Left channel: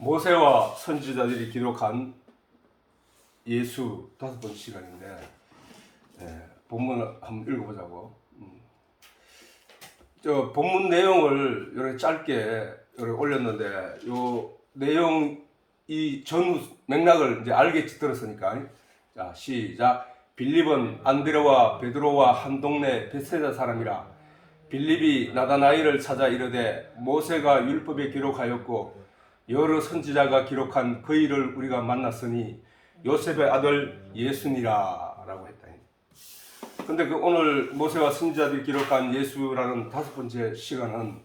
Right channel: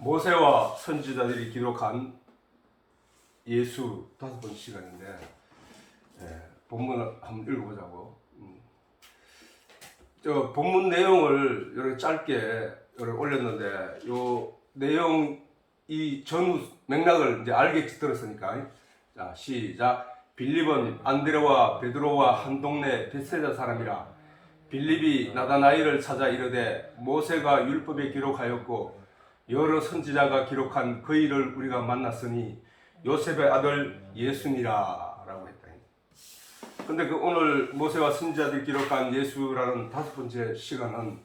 모세와 선지자들이 기록한 예수 5번 시간인데 본문을 한번 읽어보자고. 저 본문 내용을 이렇게 짧게 이렇게 올렸는데 요 내용 이 전 맥락을 이제 알겠지 들었으니까. 자, 시작. 빌립은 안드레와 베드로와 한 동네 베세다 사람이라. 빌립이 나다나엘을 찾아 이르되 모세가 율법에 기록하였고 여러 선지자가 기록한 그 일을 우리가 만났으니 요셉의 아들 예수니라 라고 했다. 근데 그 오늘 모세와 선지자들이 기록한 예수라는 5번째 시간은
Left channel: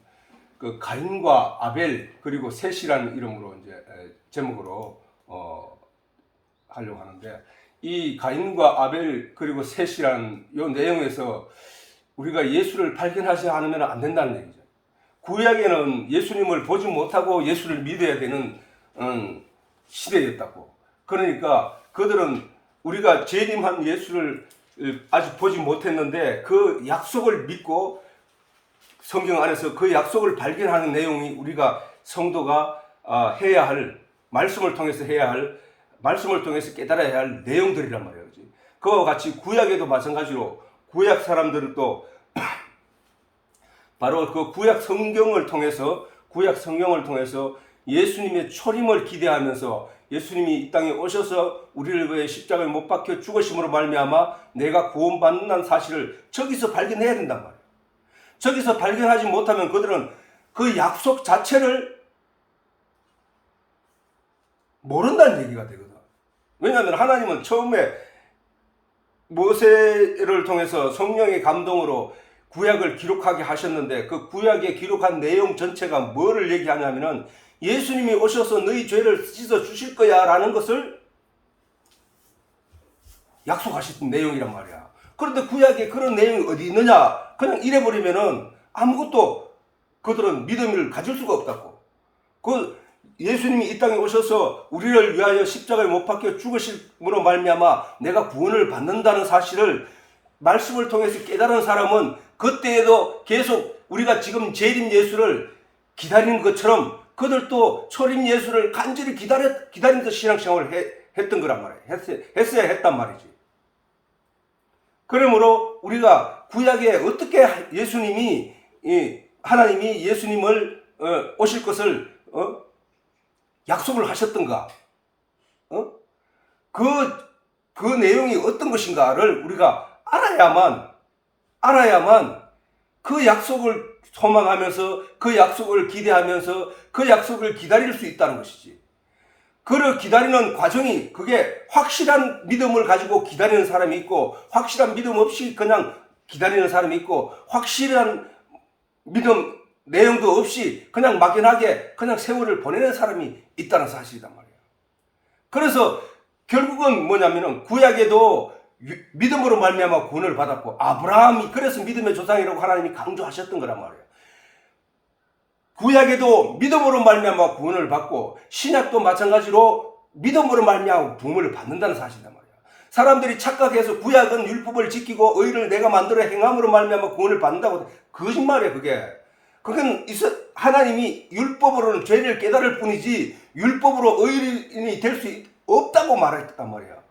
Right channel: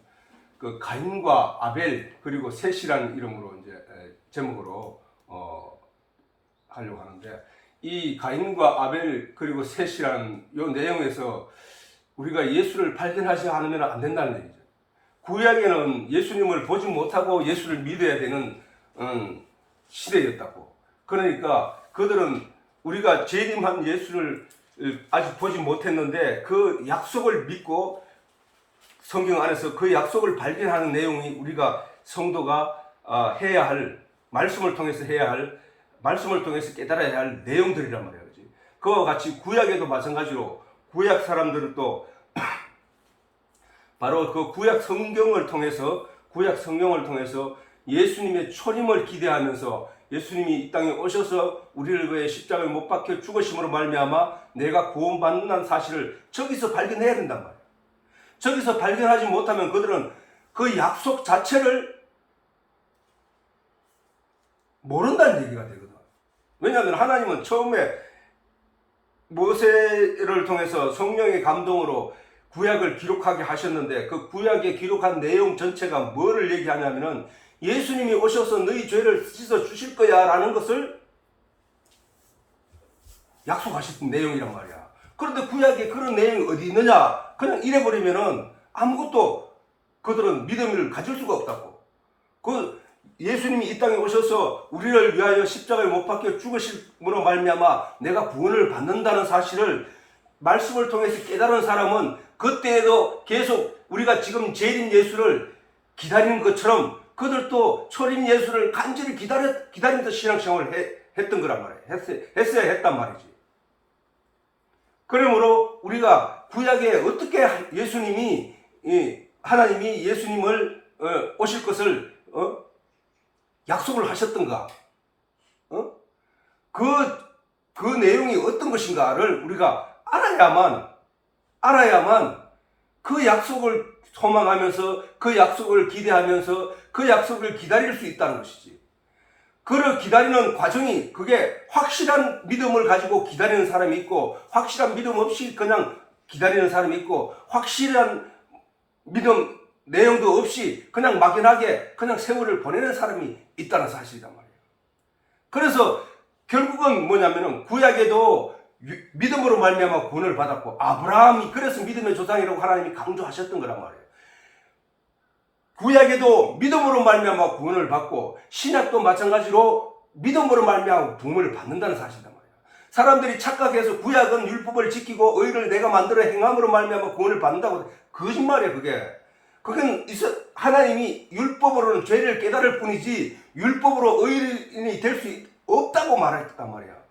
그 가인과 아벨 그리고 셋이라는 이름으로 이제 제목으로 하려고 하는데, 이 가인과 아벨 그리고 셋이라는 이 내용에서 우리가 예수를 발견하지 않으면 안 된다는 얘기죠. 구약에는 예수님을 보지 못하고 예수를 믿어야 되는 시대였다고. 그러니까 그들은 우리가 재림한 예수를 아직 보지 못했는데 그 약속을 믿고 성경 안에서 그 약속을 발견하는 내용이 우리가 성도가 해야 할, 말씀을 통해서 해야 할, 말씀을 통해서 깨달아야 할 내용들이란 말이에요. 그와 같이 구약에도 마찬가지로 구약 사람들도 바로 그 구약 성경을 통해서 예수님의 초림을 기대하면서 예수님이 이 땅에 오셔서 우리를 위해 십자가에 못 박혀 죽으심으로 말미암아 내가 구원받는다는 사실을 저기서 발견해야 된단 말이에요. 저기서 발견하지 못하면 그들은 그 약속 자체를 모른다는 얘기가 되거든. 왜냐하면 하나님은 처음에 모세를 통해서 성령의 감동으로 구약을 기록하게 하셨는데 그 구약에 기록한 내용 전체가 뭐를 얘기하냐면은 예수님이 오셔서 너희 죄를 씻어 주실 거야 라는 것을 약속하셨던 내용이란 말이야. 그런데 구약에 그런 내용이 어디 있느냐? 그냥 이래버리면은 아무것도 그들은 믿음을 가질 수가 없다고. 그 예수님이 이 땅에 오셔서 우리를 위하여 십자가에 못 박혀 죽으심으로 말미암아 내가 구원을 받는다는 사실을 말씀을 통해서 깨달은 사람은 그때에도 계속 우리가 지금 재림 예수를 기다리는 것처럼 그들도 초림 예수를 간절히 기다리면서 신앙생활을 했던 거란 말이에요. 했어야 했단 말이지. 그러므로 우리가 구약에 어떻게 예수님이 하나님이 예수님을 오실 것을 약속을 하셨던가, 그 내용이 어떤 것인가를 우리가 알아야만 그 약속을 소망하면서 그 약속을 기대하면서 그 약속을 기다릴 수 있다는 것이지. 그를 기다리는 과정이 그게 확실한 믿음을 가지고 기다리는 사람이 있고 확실한 믿음 없이 그냥 기다리는 사람이 있고 확실한 믿음 내용도 없이 그냥 막연하게 그냥 세월을 보내는 사람이 있다는 사실이란 말이에요. 그래서 결국은 뭐냐면은 구약에도 믿음으로 말미암아 구원을 받았고 아브라함이 그래서 믿음의 조상이라고 하나님이 강조하셨던 거란 말이에요. 구약에도 믿음으로 말미암아 구원을 받고 신약도 마찬가지로 믿음으로 말미암아 구원을 받는다는 사실이란 말이에요. 사람들이 착각해서 구약은 율법을 지키고 의를 내가 만들어 행함으로 말미암아 구원을 받는다고. 거짓말이에요. 그건 하나님이 율법으로는 죄를 깨달을 뿐이지 율법으로 의인이 될 수 없다고 말했단 말이에요.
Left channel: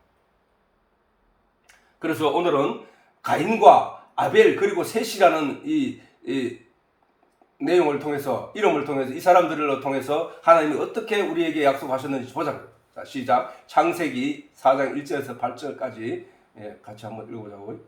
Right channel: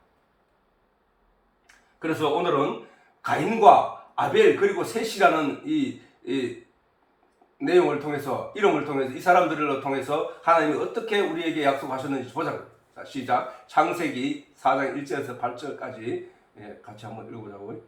그래서 오늘은 가인과 아벨 그리고 셋이라는 이 내용을 통해서, 이름을 통해서, 이 사람들을 통해서 하나님이 어떻게 우리에게 약속하셨는지 보자고요. 자, 시작. 창세기 4장 1절에서 8절까지 같이 한번 읽어보자고요.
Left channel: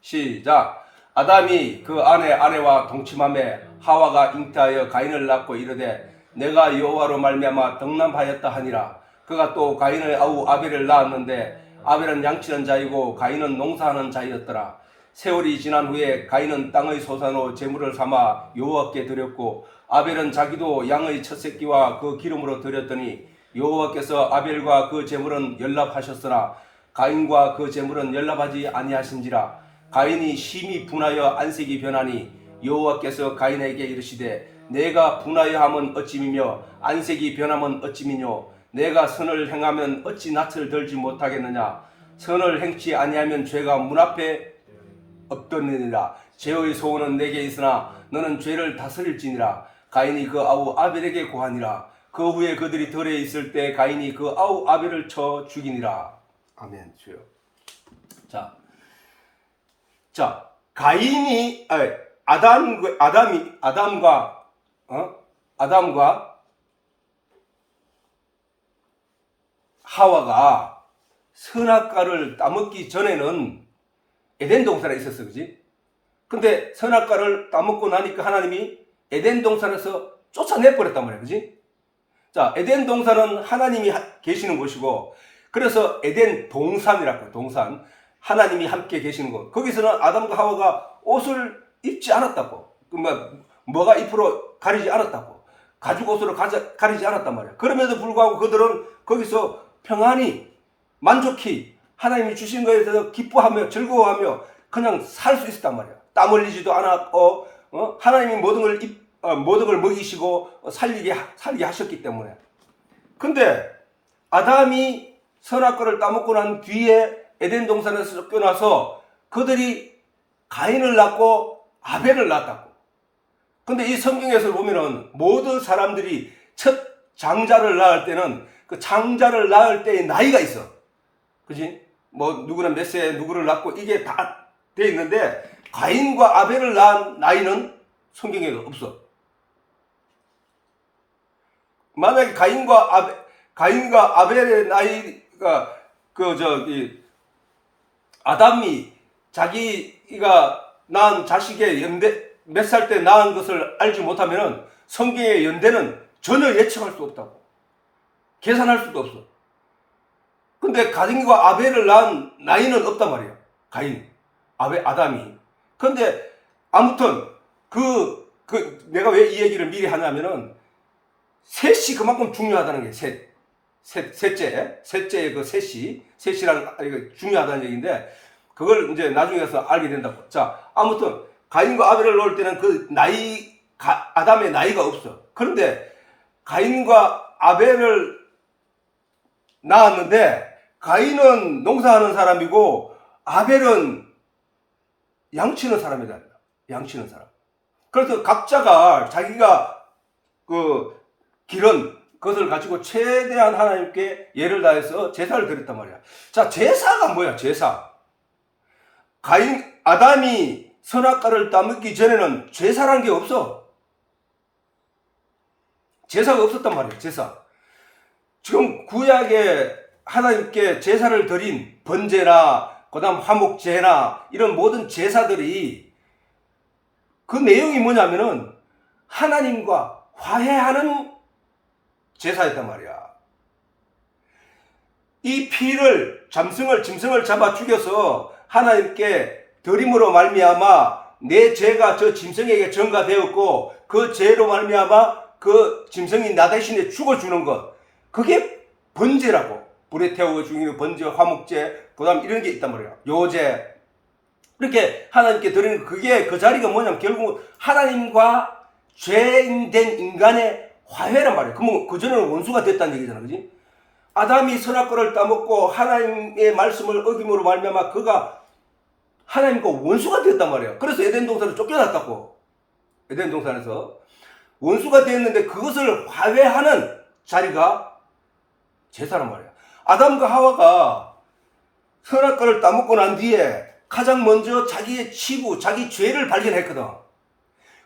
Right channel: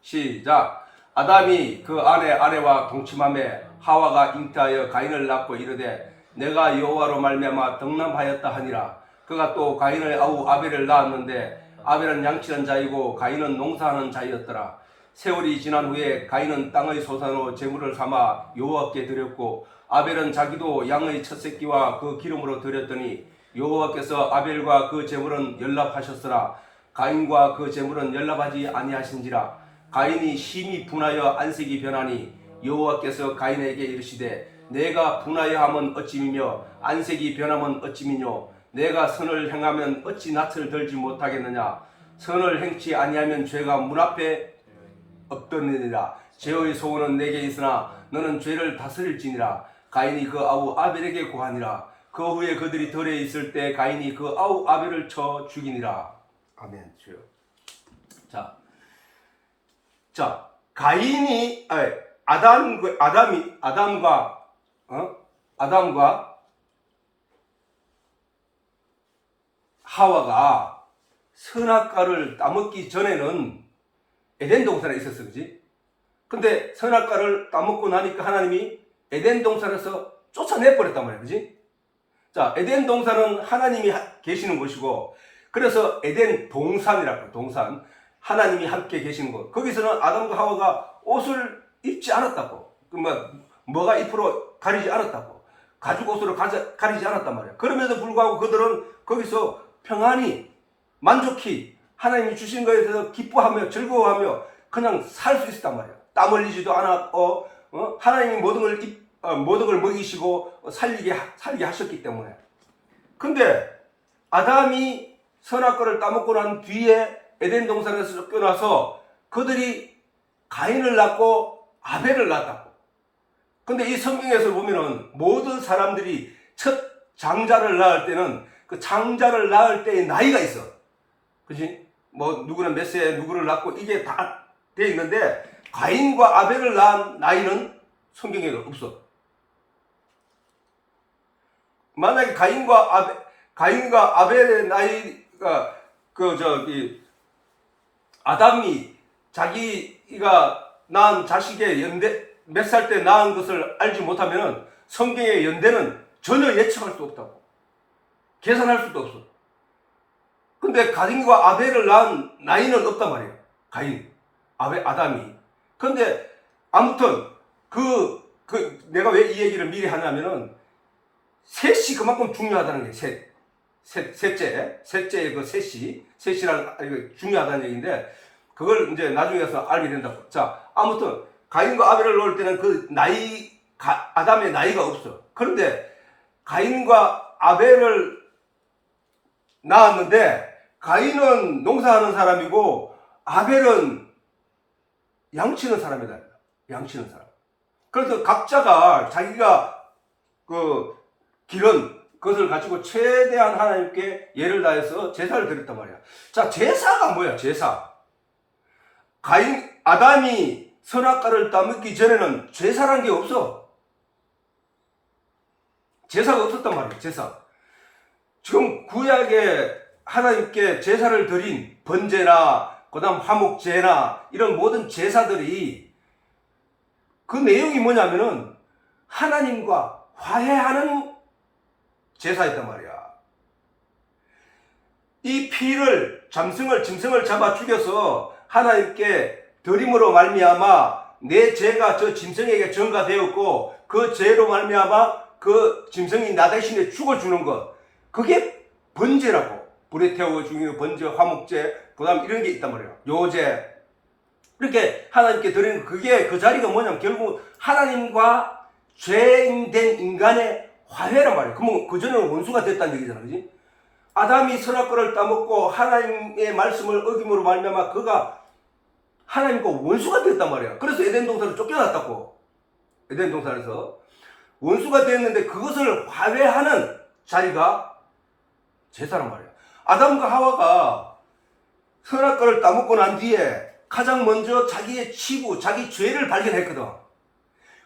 시작. 아담이 그 아내와 동침하매 하와가 잉태하여 가인을 낳고 이르되 내가 여호와로 말미암아 덕남하였다 하니라. 그가 또 가인의 아우 아벨을 낳았는데 아벨은 양치는 자이고 가인은 농사하는 자이었더라. 세월이 지난 후에 가인은 땅의 소산으로 제물을 삼아 여호와께 드렸고 아벨은 자기도 양의 첫 새끼와 그 기름으로 드렸더니 여호와께서 아벨과 그 제물은 연락하셨으나 가인과 그 제물은 연락하지 아니하신지라. 가인이 심히 분하여 안색이 변하니 여호와께서 가인에게 이르시되 내가 분하여함은 어찌미며 안색이 변함은 어찌미뇨. 내가 선을 행하면 어찌 낯을 들지 못하겠느냐. 선을 행치 아니하면 죄가 문 앞에 없더니라. 죄의 소원은 내게 있으나 너는 죄를 다스릴지니라. 가인이 그 아우 아벨에게 고하니라. 그 후에 그들이 들에 있을 때 가인이 그 아벨을 쳐 죽이니라. 아멘. 주여. 자, 가인이 아담과 하와가 선악과를 따먹기 전에는 에덴 동산에 있었어, 그지? 근데 선악과를 따먹고 나니까 하나님이 에덴 동산에서 쫓아내 버렸단 말이야, 그지? 자, 에덴 동산은 하나님이 계시는 곳이고, 그래서 에덴 동산이라고, 동산. 하나님이 함께 계시는 곳. 거기서는 아담과 하와가 옷을 입지 않았다고. 뭐가 잎으로 가리지 않았다고. 가죽 옷으로 가리지 않았단 말이야. 그럼에도 불구하고 그들은 거기서 평안히, 만족히 하나님이 주신 것에 대해서 기뻐하며 즐거워하며 그냥 살 수 있었단 말이야. 땀 흘리지도 않았고, 하나님이 모든 걸 먹이시고 살리게 하셨기 때문에. 근데 아담이 선악과를 따먹고 난 뒤에 에덴 동산에서 쫓겨나서 그들이 가인을 낳고 아벨을 낳았다고. 근데 이 성경에서 보면은 모든 사람들이 첫 장자를 낳을 때는 그 장자를 낳을 때의 나이가 있어. 그지? 뭐 누구는 몇 세 누구를 낳고 이게 다 돼 있는데 가인과 아벨을 낳은 나이는 성경에 없어. 만약에 가인과 아벨의 나이가 아담이 자기가 낳은 자식의 몇 살 때 낳은 것을 알지 못하면 성경의 연대는 전혀 예측할 수 없다고. 계산할 수도 없어. 근데 가인과 아벨을 낳은 나이는 없단 말이야. 아담이. 근데 아무튼 내가 왜 이 얘기를 미리 하냐면은 셋이 그만큼 중요하다는 게 셋째의 그 셋이란 이거 중요하다는 얘기인데 그걸 이제 나중에서 알게 된다고. 자, 아무튼 가인과 아벨을 놓을 때는 그 아담의 나이가 없어. 그런데 가인과 아벨을 낳았는데 가인은 농사하는 사람이고 아벨은 양치는 사람이다. 양치는 사람. 그래서 각자가 자기가 기른 그것을 가지고 최대한 하나님께 예를 다해서 제사를 드렸단 말이야. 자, 제사가 뭐야? 제사. 아담이 선악과를 따먹기 전에는 제사라는 게 없어. 제사가 없었단 말이야. 제사. 지금 구약에 하나님께 제사를 드린 번제나 그다음 화목제나 이런 모든 제사들이 그 내용이 뭐냐면은 하나님과 화해하는 제사였단 말이야. 이 피를 짐승을 잡아 죽여서 하나님께 드림으로 말미암아 내 죄가 저 짐승에게 전가되었고 그 죄로 말미암아 그 짐승이 나 대신에 죽어주는 것, 그게 번제라고. 불에 태워 죽이는 번제, 화목제, 그 다음 이런 게 있단 말이야. 요제. 이렇게 하나님께 드리는 그게 그 자리가 뭐냐면 결국 하나님과 죄인된 인간의 화해란 말이야. 그러면 그전에는 원수가 됐다는 얘기잖아. 그지? 아담이 선악과를 따먹고 하나님의 말씀을 어김으로 말미암아 그가 하나님과 원수가 됐단 말이야. 그래서 에덴 동산을 쫓겨났다고. 에덴 동산에서 원수가 됐는데 그것을 화해하는 자리가 제사란 말이야. 아담과 하와가 선악과를 따먹고 난 뒤에 가장 먼저 자기의 치부, 자기 죄를 발견했거든.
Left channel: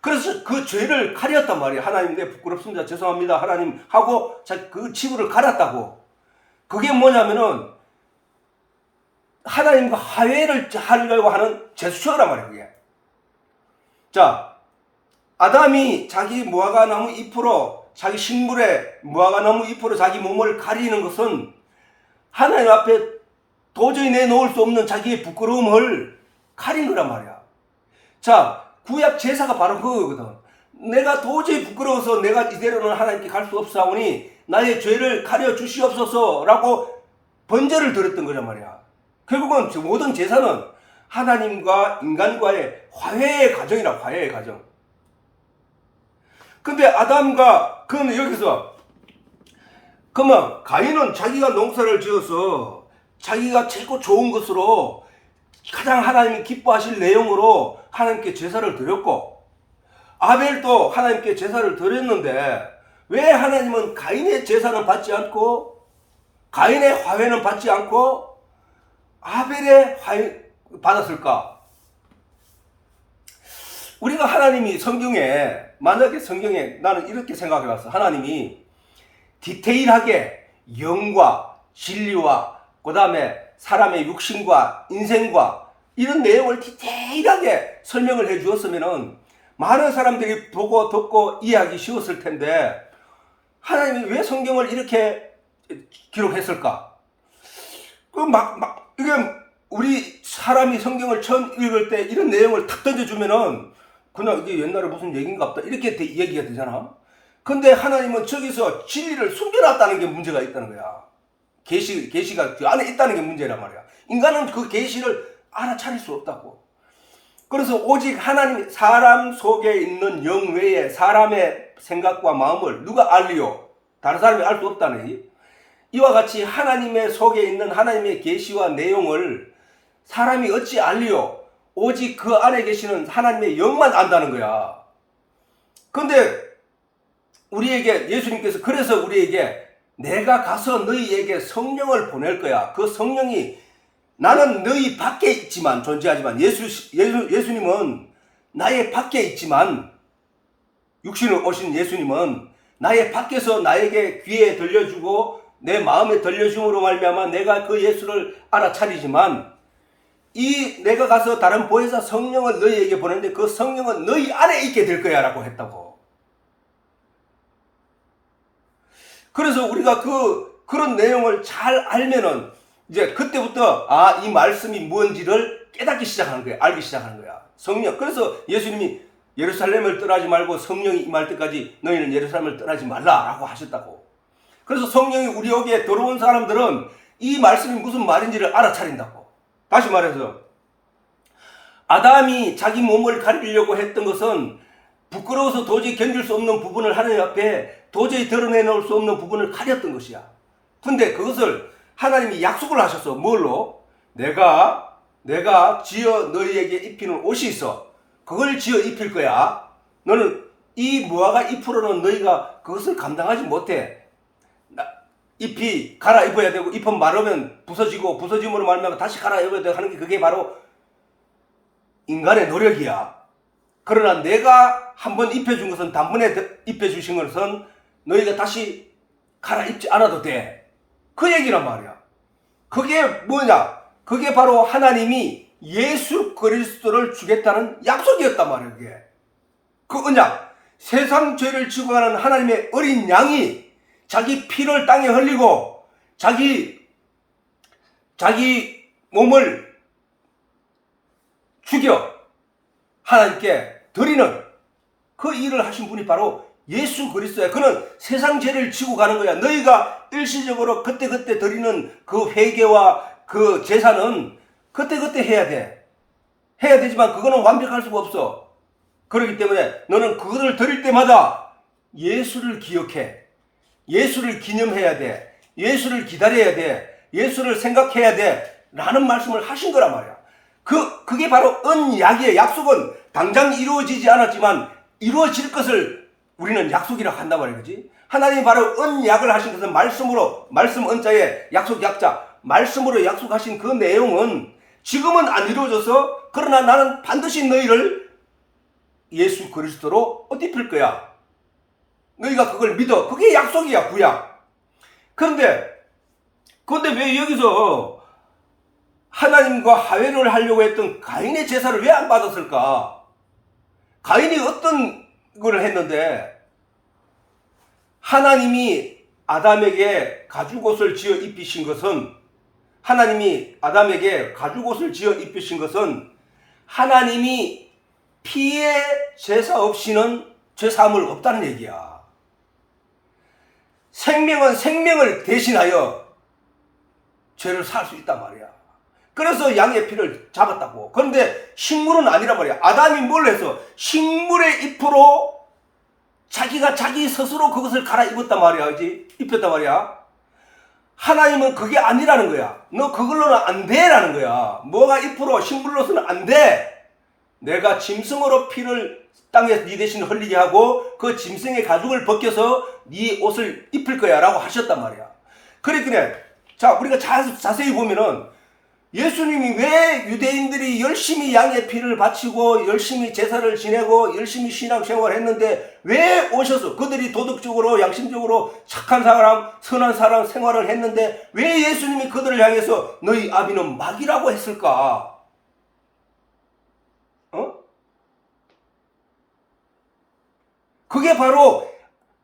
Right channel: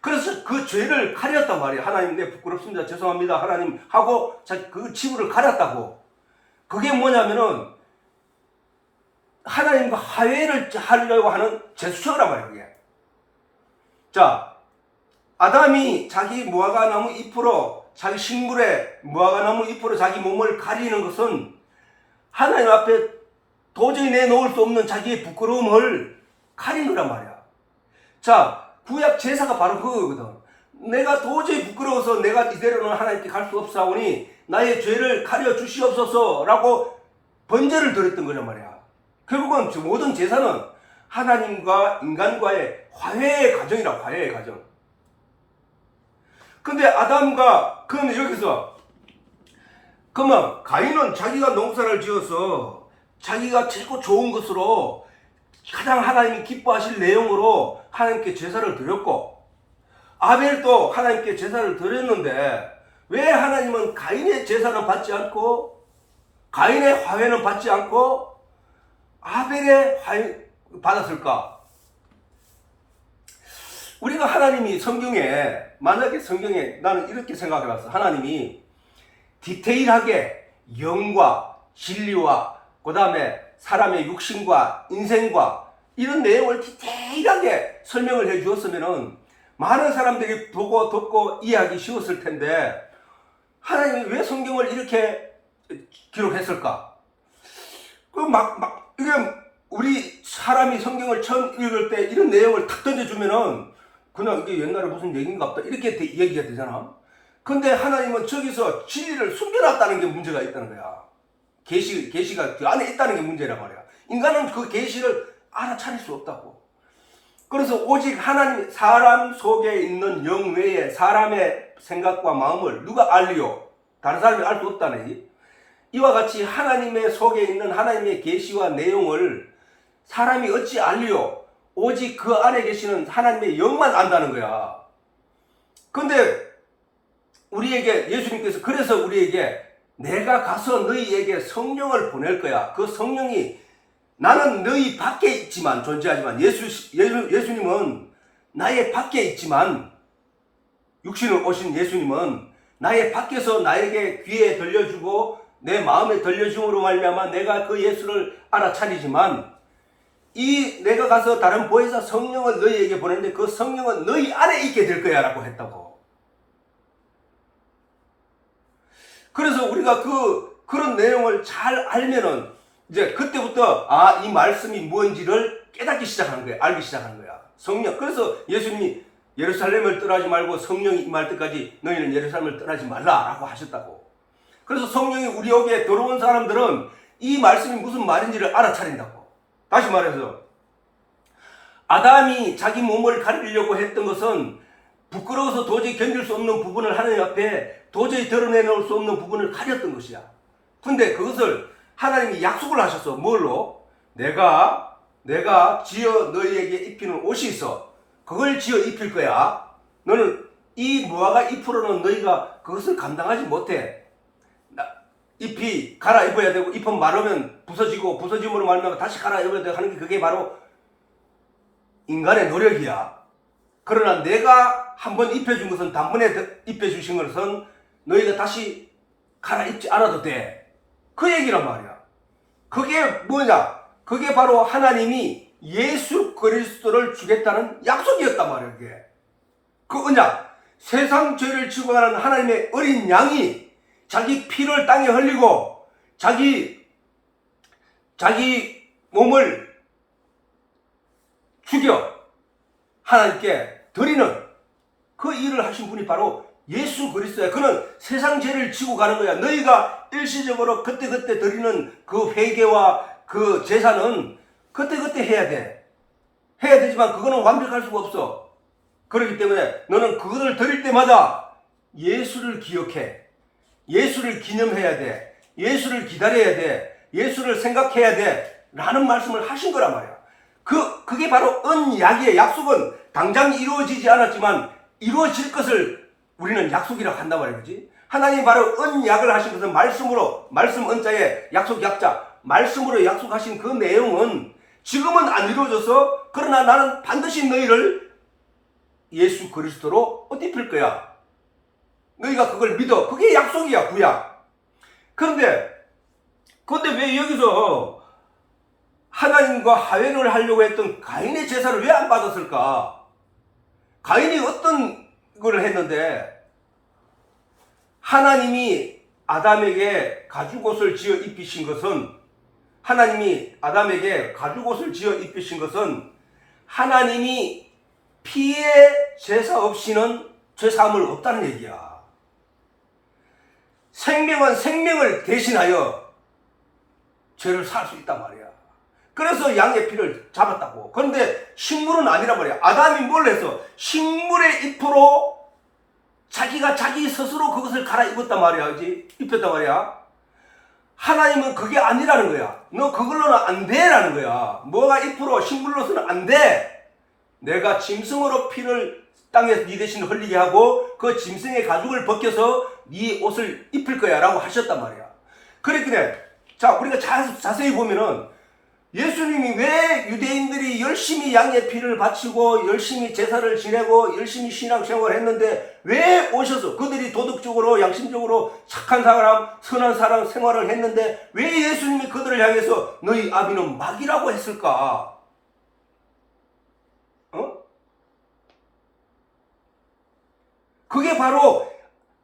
그래서 그 죄를 가렸단 말이야. 하나님, 내 부끄럽습니다. 죄송합니다. 하나님 하고 그 치부를 가렸다고. 그게 뭐냐면은 하나님과 화해를 하려고 하는 제스처란 말이야. 그게. 자, 아담이 자기 무화과나무 잎으로, 자기 식물의 무화과나무 잎으로 자기 몸을 가리는 것은 하나님 앞에 도저히 내놓을 수 없는 자기의 부끄러움을 가린 거란 말이야. 자, 구약 제사가 바로 그거거든. 내가 도저히 부끄러워서 내가 이대로는 하나님께 갈 수 없사오니 나의 죄를 가려 주시옵소서 라고 번제를 드렸던 거란 말이야. 결국은 모든 제사는 하나님과 인간과의 화해의 과정이라고. 화해의 과정. 근데 아담과 그는 여기서 그러면 가인은 자기가 농사를 지어서 자기가 최고 좋은 것으로 가장 하나님이 기뻐하실 내용으로 하나님께 제사를 드렸고, 아벨도 하나님께 제사를 드렸는데 왜 하나님은 가인의 제사는 받지 않고 가인의 화훼는 받지 않고 아벨의 화훼 받았을까? 우리가 하나님이 성경에, 만약에 성경에 나는 이렇게 생각해 봤어. 하나님이 디테일하게 영과 진리와 그 다음에 사람의 육신과 인생과 이런 내용을 디테일하게 설명을 해 주었으면은 많은 사람들이 보고 듣고 이해하기 쉬웠을 텐데 하나님이 왜 성경을 이렇게 기록했을까? 이게 우리 사람이 성경을 처음 읽을 때 이런 내용을 탁 던져주면은 그냥 이게 옛날에 무슨 얘기인가 보다 이렇게 얘기가 되잖아. 근데 하나님은 저기서 진리를 숨겨놨다는 게 문제가 있다는 거야. 계시가 그 안에 있다는 게 문제란 말이야. 인간은 그 계시를 알아차릴 수 없다고. 그래서 오직 하나님, 사람 속에 있는 영 외에 사람의 생각과 마음을 누가 알리요? 다른 사람이 알 수 없다는 이와 같이 하나님의 속에 있는 하나님의 계시와 내용을 사람이 어찌 알리요? 오직 그 안에 계시는 하나님의 영만 안다는 거야. 근데 우리에게 예수님께서 그래서 우리에게 내가 가서 너희에게 성령을 보낼 거야. 그 성령이 나는 너희 밖에 있지만 존재하지만 예수님은 나의 밖에 있지만 육신으로 오신 예수님은 나의 밖에서 나에게 귀에 들려주고 내 마음에 들려줌으로 말미암아 내가 그 예수를 알아차리지만 이 내가 가서 다른 보혜사 성령을 너희에게 보내는데 그 성령은 너희 안에 있게 될 거야 라고 했다고. 그래서 우리가 그런 내용을 잘 알면은 이제 그때부터 이 말씀이 뭔지를 깨닫기 시작하는 거야. 알기 시작하는 거야. 성령. 그래서 예수님이 예루살렘을 떠나지 말고 성령이 임할 때까지 너희는 예루살렘을 떠나지 말라라고 하셨다고. 그래서 성령이 우리에게 들어온 사람들은 이 말씀이 무슨 말인지를 알아차린다고. 다시 말해서 아담이 자기 몸을 가리려고 했던 것은 부끄러워서 도저히 견딜 수 없는 부분을 하나님 앞에 도저히 드러내놓을 수 없는 부분을 가렸던 것이야. 근데 그것을 하나님이 약속을 하셨어. 뭘로? 내가 지어 너희에게 입히는 옷이 있어. 그걸 지어 입힐 거야. 너는 이 무화과 잎으로는 너희가 그것을 감당하지 못해. 잎이 갈아입어야 되고 잎은 마르면 부서지고 부서짐으로 말미암아 다시 갈아입어야 되고 하는 게 그게 바로 인간의 노력이야. 그러나 내가 한번 입혀준 것은 단번에 입혀주신 것은 너희가 다시 갈아입지 않아도 돼. 그 얘기란 말이야. 그게 뭐냐? 그게 바로 하나님이 예수 그리스도를 주겠다는 약속이었단 말이야. 그게. 그 언약. 세상 죄를 지고 가는 하나님의 어린 양이 자기 피를 땅에 흘리고 자기 몸을 죽여 하나님께 드리는 그 일을 하신 분이 바로 예수 그리스도야. 그는 세상 죄를 지고 가는 거야. 너희가 일시적으로 그때그때 드리는 그 회개와 그 제사는 그때그때 해야 돼. 해야 되지만 그거는 완벽할 수가 없어. 그렇기 때문에 너는 그것을 드릴 때마다 예수를 기억해. 예수를 기념해야 돼. 예수를 기다려야 돼. 예수를 생각해야 돼. 라는 말씀을 하신 거란 말이야. 그게 바로 언약이에요. 약속은 당장 이루어지지 않았지만 이루어질 것을 우리는 약속이라고 한다고 말이야. 그지? 하나님이 바로 언약을 하신 것은 말씀으로, 말씀 언자의 약속 약자, 말씀으로 약속하신 그 내용은 지금은 안 이루어져서 그러나 나는 반드시 너희를 예수 그리스도로 옷 입힐 거야. 너희가 그걸 믿어. 그게 약속이야, 구약. 근데 왜 여기서 하나님과 화해를 하려고 했던 가인의 제사를 왜 안 받았을까? 가인이 어떤 걸 했는데 하나님이 아담에게 가죽옷을 지어 입히신 것은 하나님이 아담에게 가죽옷을 지어 입히신 것은 하나님이 피의 제사 없이는 죄사함을 없다는 얘기야. 생명은 생명을 대신하여 죄를 살 수 있단 말이야. 그래서 양의 피를 잡았다고. 그런데 식물은 아니란 말이야. 아담이 뭘 해서 식물의 잎으로 자기가 자기 스스로 그것을 갈아입었단 말이야. 그지? 입혔단 말이야. 하나님은 그게 아니라는 거야. 너 그걸로는 안 돼라는 거야. 뭐가 잎으로 식물로서는 안 돼. 내가 짐승으로 피를 땅에 네 대신 흘리게 하고 그 짐승의 가죽을 벗겨서 네 옷을 입힐 거야 라고 하셨단 말이야. 그러니까 자, 우리가 자세히 보면은 예수님이 왜 유대인들이 열심히 양의 피를 바치고 열심히 제사를 지내고 열심히 신앙생활을 했는데 왜 오셔서 그들이 도덕적으로 양심적으로 착한 사람 선한 사람 생활을 했는데 왜 예수님이 그들을 향해서 너희 아비는 마귀라고 했을까? 그게 바로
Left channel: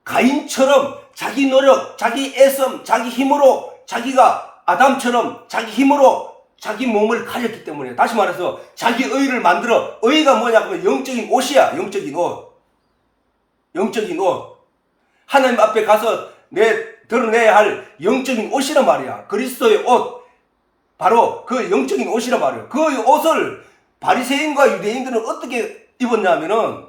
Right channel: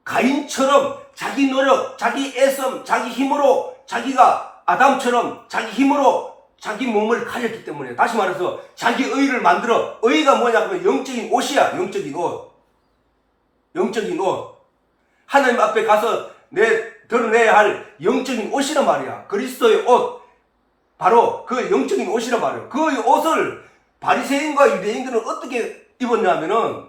가인처럼 자기 노력, 자기 애씀, 자기 힘으로 자기가 아담처럼 자기 힘으로 자기 몸을 가렸기 때문에, 다시 말해서 자기 의를 만들어. 의가 뭐냐면 영적인 옷이야. 영적인 옷. 영적인 옷. 하나님 앞에 가서 드러내야 할 영적인 옷이란 말이야. 그리스도의 옷. 바로 그 영적인 옷이란 말이야. 그 옷을 바리새인과 유대인들은 어떻게 입었냐면은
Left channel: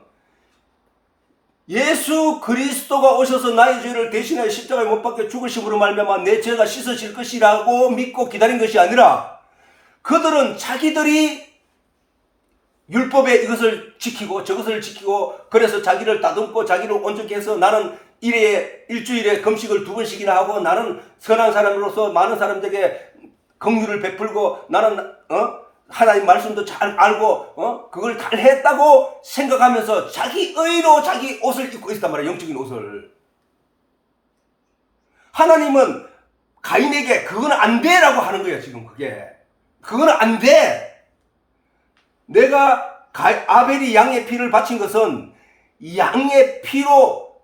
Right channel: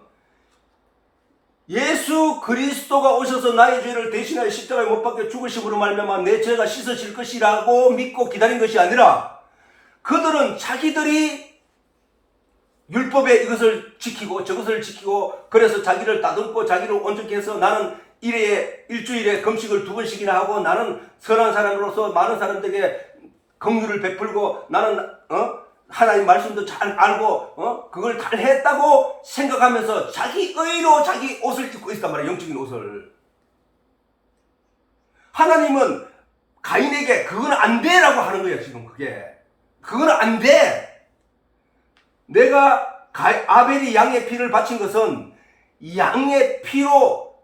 예수 그리스도가 오셔서 나의 죄를 대신하여 십자가에 못 박혀 죽으심으로 말미암아 내 죄가 씻어질 것이라고 믿고 기다린 것이 아니라, 그들은 자기들이 율법에 이것을 지키고 저것을 지키고 그래서 자기를 다듬고 자기를 온전히 해서 나는 일주일에 금식을 2번씩이나 하고 나는 선한 사람으로서 많은 사람들에게 긍휼을 베풀고 나는 하나님 말씀도 잘 알고 그걸 다 했다고 생각하면서 자기 의로 자기 옷을 입고 있단 말이야. 영적인 옷을. 하나님은 가인에게 그건 안 돼라고 하는 거야. 지금 그건 안 돼. 내가 아벨이 양의 피를 바친 것은 양의 피로,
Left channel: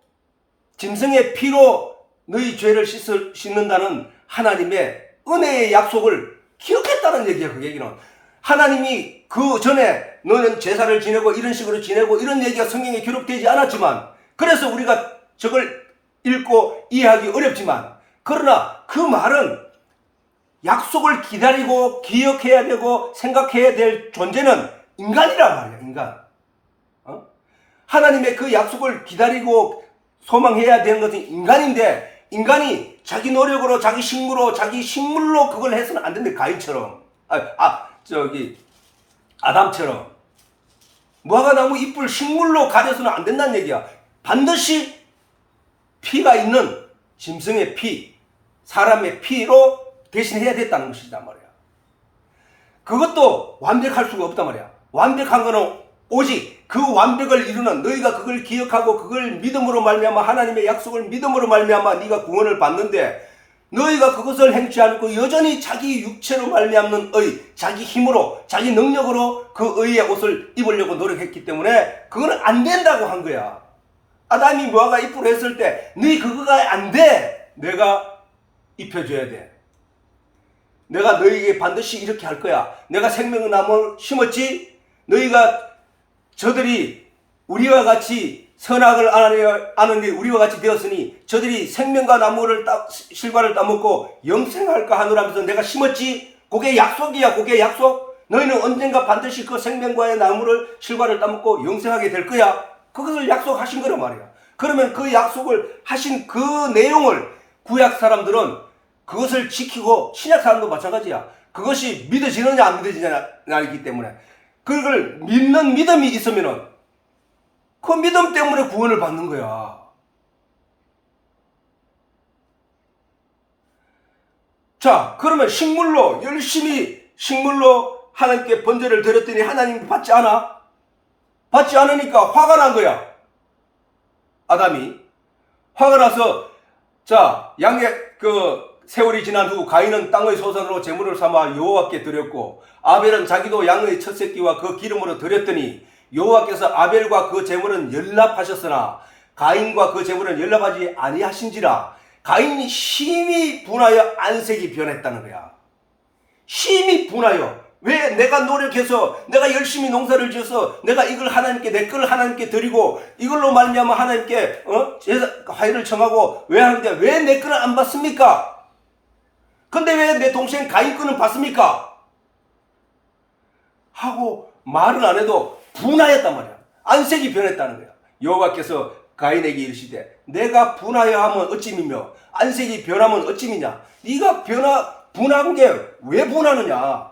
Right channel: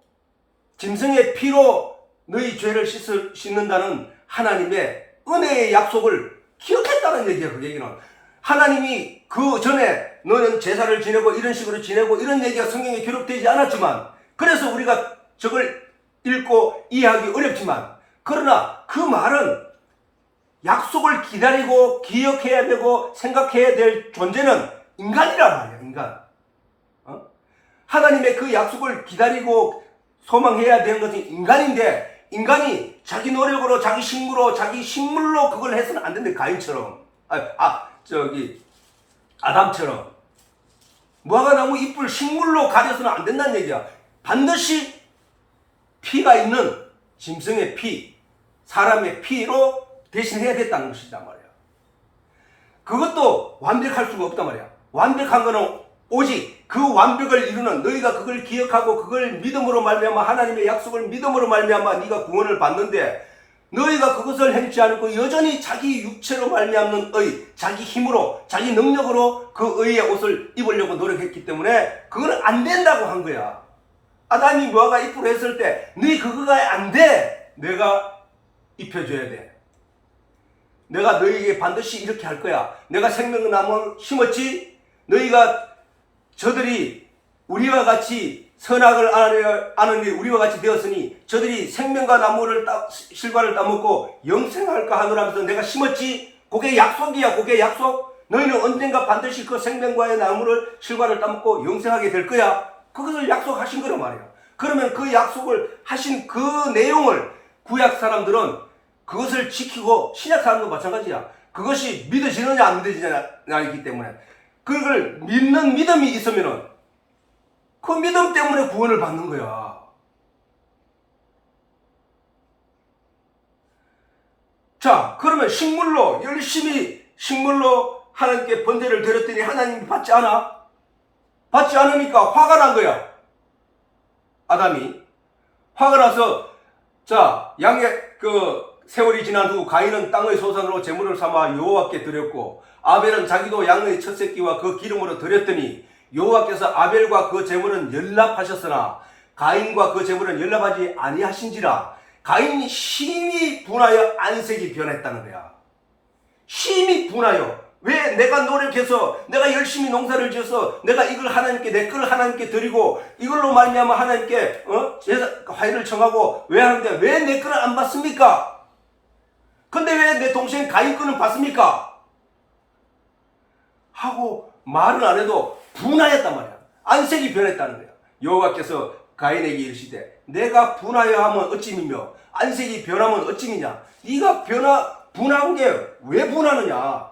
짐승의 피로 너희 죄를 씻는다는 하나님의 은혜의 약속을 기억했다는 얘기야. 그 얘기는 하나님이 그 전에 너는 제사를 지내고 이런 식으로 지내고 이런 얘기가 성경에 기록되지 않았지만, 그래서 우리가 저걸 읽고 이해하기 어렵지만, 그러나 그 말은 약속을 기다리고 기억해야 되고 생각해야 될 존재는 인간이란 말이야. 인간. 하나님의 그 약속을 기다리고 소망해야 되는 것은 인간인데, 인간이 자기 노력으로 자기 식물로 그걸 해서는 안 된대. 가인처럼 아담처럼 무화과나무 잎을 식물로 가려서는 안 된다는 얘기야. 반드시 피가 있는 짐승의 피, 사람의 피로 대신해야 됐다는 것이란 말이야. 그것도 완벽할 수가 없단 말이야. 완벽한 거는 오직 그 완벽을 이루는, 너희가 그걸 기억하고 그걸 믿음으로 말미암아 하나님의 약속을 믿음으로 말미암아 네가 구원을 받는데, 너희가 그것을 행치 않고 여전히 자기 육체로 말미암는 의, 자기 힘으로 자기 능력으로 그 의의 옷을 입으려고 노력했기 때문에 그거는 안 된다고 한 거야. 아담이 무화과 잎으로 했을 때 너희 그거가 안 돼. 내가 입혀줘야 돼. 내가 너희에게 반드시 이렇게 할 거야. 내가 생명의 나무를 심었지. 저들이 우리와 같이 선악을 아는 일 우리와 같이 되었으니 저들이 생명과 나무를 실과를 따먹고 영생할까 하노라면서 내가 심었지. 그게 약속이야. 그게 약속. 너희는 언젠가 반드시 그 생명과의 나무를 실과를 따먹고 영생하게 될 거야. 그것을 약속하신 거란 말이야. 그러면 그 약속을 하신 그 내용을 구약 사람들은 그것을 지키고, 신약 사람도 마찬가지야. 그것이 믿어지느냐 안 믿어지느냐이기 때문에 그걸 믿는 믿음이 있으면은 그 믿음 때문에 구원을 받는 거야. 자, 그러면 열심히 식물로 하나님께 번제를 드렸더니 하나님이 받지 않아? 받지 않으니까 화가 난 거야. 아담이 화가 나서, 자, 세월이 지난 후 가인은 땅의 소산으로 제물을 삼아 여호와께 드렸고, 아벨은 자기도 양의 첫 새끼와 그 기름으로 드렸더니 여호와께서 아벨과 그 제물은 연락하셨으나 가인과 그 제물은 연락하지 아니하신지라. 가인이 심히 분하여 안색이 변했다는 거야. 심히 분하여. 왜? 내가 노력해서 내가 열심히 농사를 지어서 내가 이걸 하나님께, 내 걸 하나님께 드리고 이걸로 말미암아 하나님께 화해를 청하고 왜 하는데 왜 내 거는 안 받습니까? 근데 왜 내 동생 가인 거는 받습니까? 하고 말은 안 해도 분하였단 말이야. 안색이 변했다는 거야. 여호와께서 가인에게 이르시되 내가 분하여 하면 어찌미며 안색이 변하면 어찌미냐. 네가 분한 게 왜 분하느냐.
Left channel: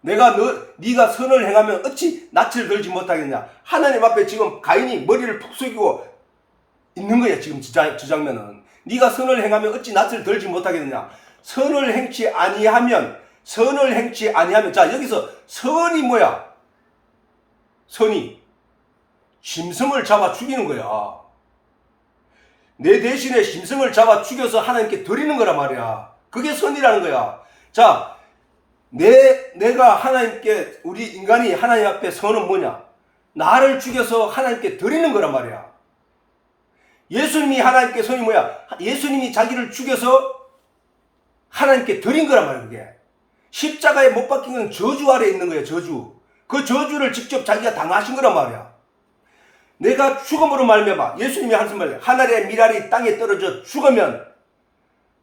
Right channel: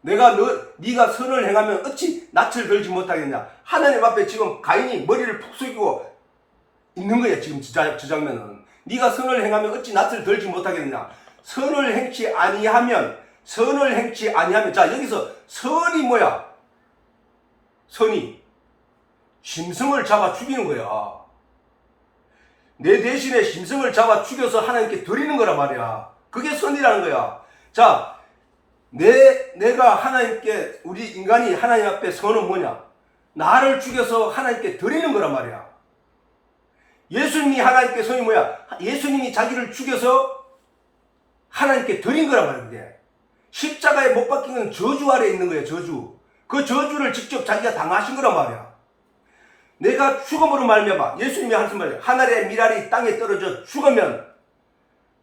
네가 선을 행하면 어찌 낯을 들지 못하겠냐. 하나님 앞에 지금 가인이 머리를 푹 숙이고 있는 거야. 지금 저 장면은. 네가 선을 행하면 어찌 낯을 들지 못하겠느냐. 선을 행치 아니하면 자 여기서 선이 뭐야? 선이 짐승을 잡아 죽이는 거야. 내 대신에 짐승을 잡아 죽여서 하나님께 드리는 거란 말이야. 그게 선이라는 거야. 자, 내가 하나님께, 우리 인간이 하나님 앞에 선은 뭐냐? 나를 죽여서 하나님께 드리는 거란 말이야. 예수님이 하나님께 선이 뭐야? 예수님이 자기를 죽여서 하나님께 드린 거란 말이야. 그게 십자가에 못 박힌 건 저주 아래에 있는 거야. 저주. 그 저주를 직접 자기가 당하신 거란 말이야. 내가 죽음으로 말미암아, 예수님이 하신 말이에요. 하늘의 밀알이 땅에 떨어져 죽으면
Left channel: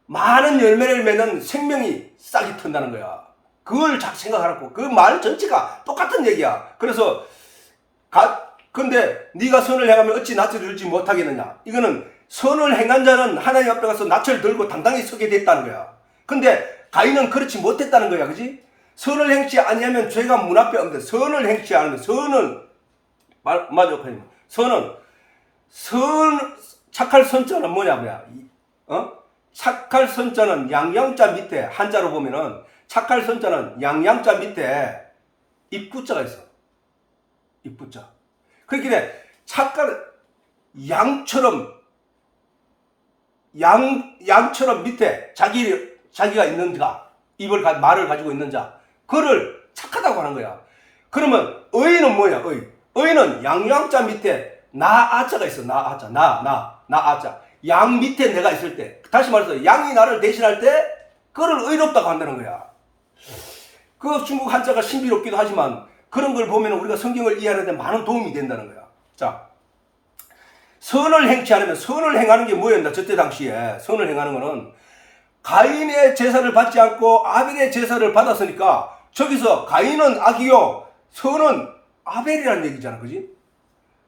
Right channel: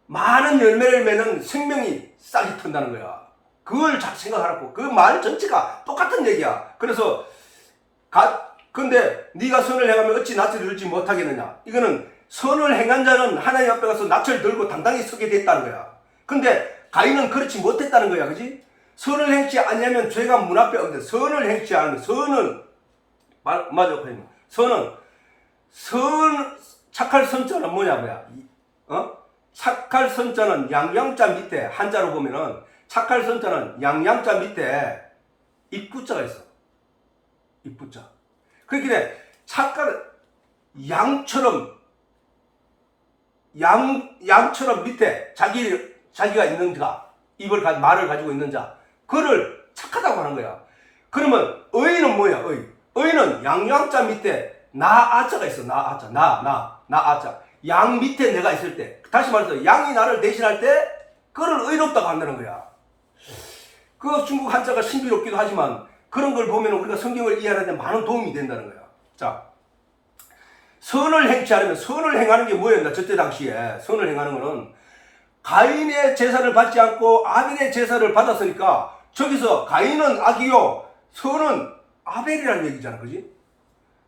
많은 열매를 맺는 생명이 싹이 튼다는 거야. 그걸 잘 생각하라고. 그 말 전체가 똑같은 얘기야. 그래서 근데 네가 선을 행하면 어찌 낯을 들지 못하겠느냐. 이거는 선을 행한 자는 하나님 앞에 가서 낯을 들고 당당히 서게 됐다는 거야. 근데 가인은 그렇지 못했다는 거야. 그지? 선을 행치 아니하면 죄가 문 앞에 없는데, 선을 행치 않으면, 선은 맞아. 착할 선자는 뭐냐. 착할 선자는 양양자 밑에, 한자로 보면은 착할 선자는 양양자 밑에 입구자가 있어. 입구자. 그렇게 착할 양처럼 밑에 자기가 있는 자, 말을 가지고 있는 자, 그를 착하다고 하는 거야. 그러면 의인은 뭐야? 의인은 양양자 밑에 나아자가 있어. 나아자. 양 밑에 내가 있을 때, 다시 말해서 양이 나를 대신할 때 그를 의롭다고 한다는 거야. 그 중국 한자가 신비롭기도 하지만 그런 걸 보면 우리가 성경을 이해하는 데 많은 도움이 된다는 거야. 자, 선을 행치 않으면, 선을 행하는 게 뭐였나? 저때 당시에 선을 행하는 거는 가인의 제사를 받지 않고 아벨의 제사를 받았으니까, 저기서 가인은 악이요 선은 아벨이라는 얘기잖아. 그지?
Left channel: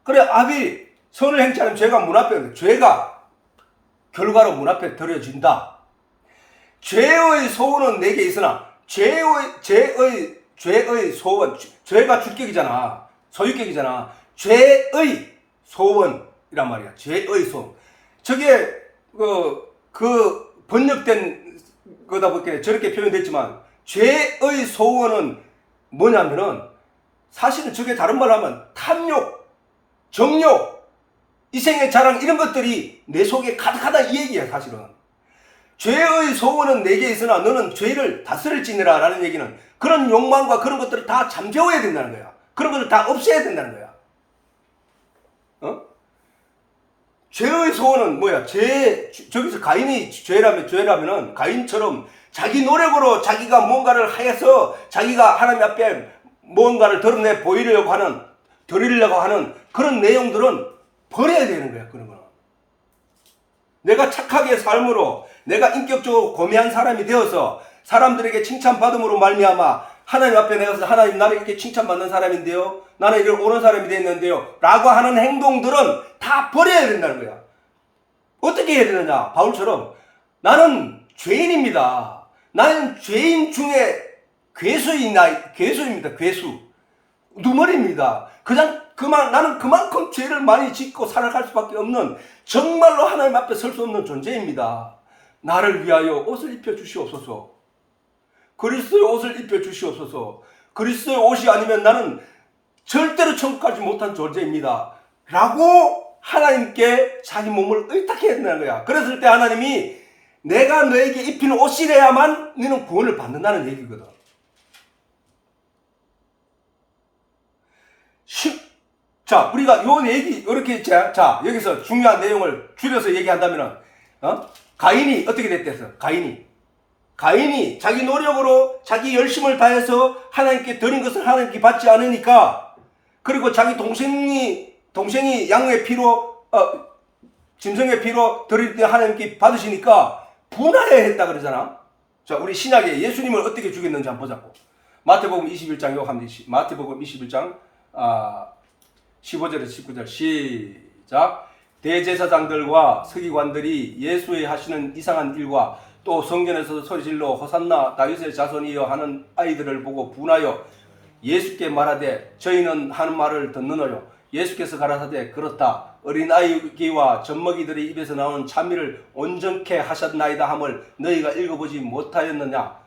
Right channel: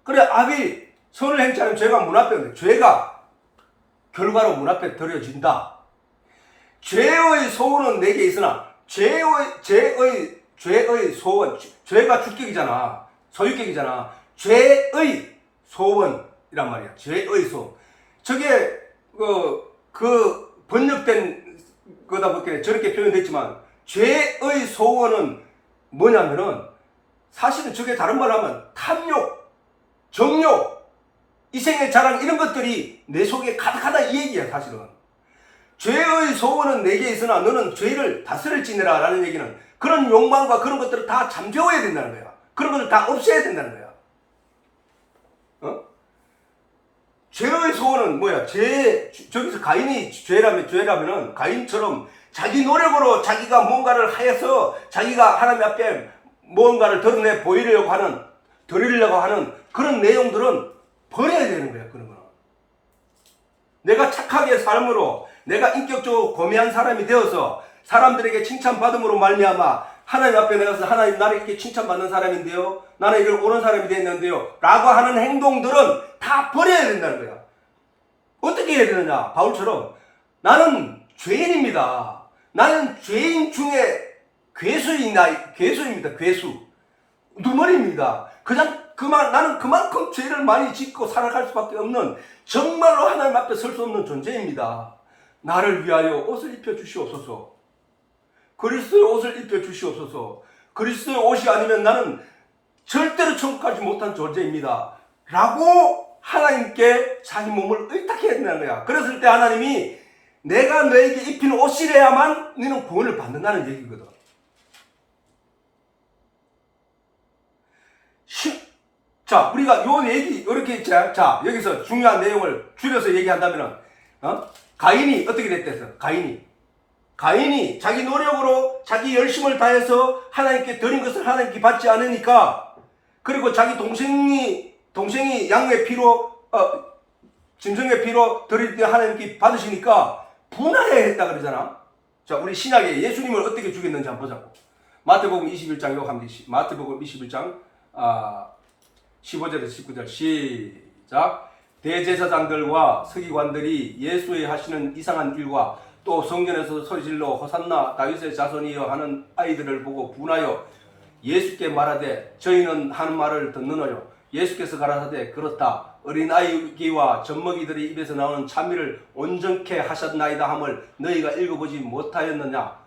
그래, 아벨 선을 행치 않으면 죄가 문 앞에 오는데, 죄가 결과로 문 앞에 들여진다. 죄의 소원은 내게 있으나, 죄의 소원, 죄가 주격이잖아. 소유격이잖아. 죄의 소원이란 말이야. 죄의 소원. 저게 그 번역된 거다 보니까 저렇게 표현됐지만, 죄의 소원은 뭐냐면은 사실은 저게 다른 말 하면 탐욕, 정욕, 이생의 자랑, 이런 것들이 내 속에 가득하다 이 얘기야. 사실은 죄의 소원은 내게 있으나 너는 죄를 다스릴지니라 라는 얘기는 그런 욕망과 그런 것들을 다 잠재워야 된다는 거야. 그런 것을 다 없애야 된다는 거야. 죄의 소원은 뭐야? 저기서 가인이 죄라면은 가인처럼 자기 노력으로 자기가 뭔가를 하여서 자기가 하나님 앞에 뭔가를 드러내 드리려고 하는 그런 내용들은 버려야 되는 거야. 그런 거는. 내가 착하게 삶으로, 내가 인격적으로 고매한 사람이 되어서 사람들에게 칭찬받음으로 말미암아 하나님 앞에 내가서 하나님 나를 이렇게 칭찬받는 사람인데요, 나는 이런 옳은 사람이 됐는데요 라고 하는 행동들은 다 버려야 된다는 거야. 어떻게 해야 되느냐? 바울처럼 나는 죄인입니다. 나는 죄인 중에 괴수입니다. 괴수. 누멀입니다. 나는 그만큼 죄를 많이 짓고 살아갈 수밖에 없는, 정말로 하나님 앞에 설 수 없는 존재입니다. 나를 위하여 옷을 입혀 주시옵소서. 그리스도의 옷을 입혀 주시옵소서. 그리스도의 옷이 아니면 나는 절대로 천국 가지 못한 존재입니다. 라고 하나님께 자기 몸을 의탁해야 된다는 거야. 그랬을 때 하나님이 내가 너에게 입히는 옷이래야만 너는 구원을 받는다는 얘기거든. 자, 우리가 요 얘기, 이렇게, 자, 여기서 중요한 내용을 줄여서 얘기한다면은, 가인이 어떻게 됐댔어? 가인이 자기 노력으로 자기 열심을 다해서 하나님께 드린 것을 하나님께 받지 않으니까, 그리고 자기 동생이 양의 피로, 짐승의 피로 드릴 때 하나님께 받으시니까 분하해 했다 그러잖아. 자, 우리 신약에 예수님을 어떻게 죽였는지 한번 보자고. 마태복음 21장 마태복음 21장 15절에서 19절 시작. 대제사장들과 서기관들이 예수의 하시는 이상한 일과 또 성전에서 소리질러 호산나 다윗의 자손이여 하는 아이들을 보고 분하여 예수께 말하되 저희는 하는 말을 듣느냐요. 예수께서 가라사대 그렇다. 어린아이와 젖먹이들의 입에서 나오는 찬미를 온전케 하셨나이다 함을 너희가 읽어보지 못하였느냐,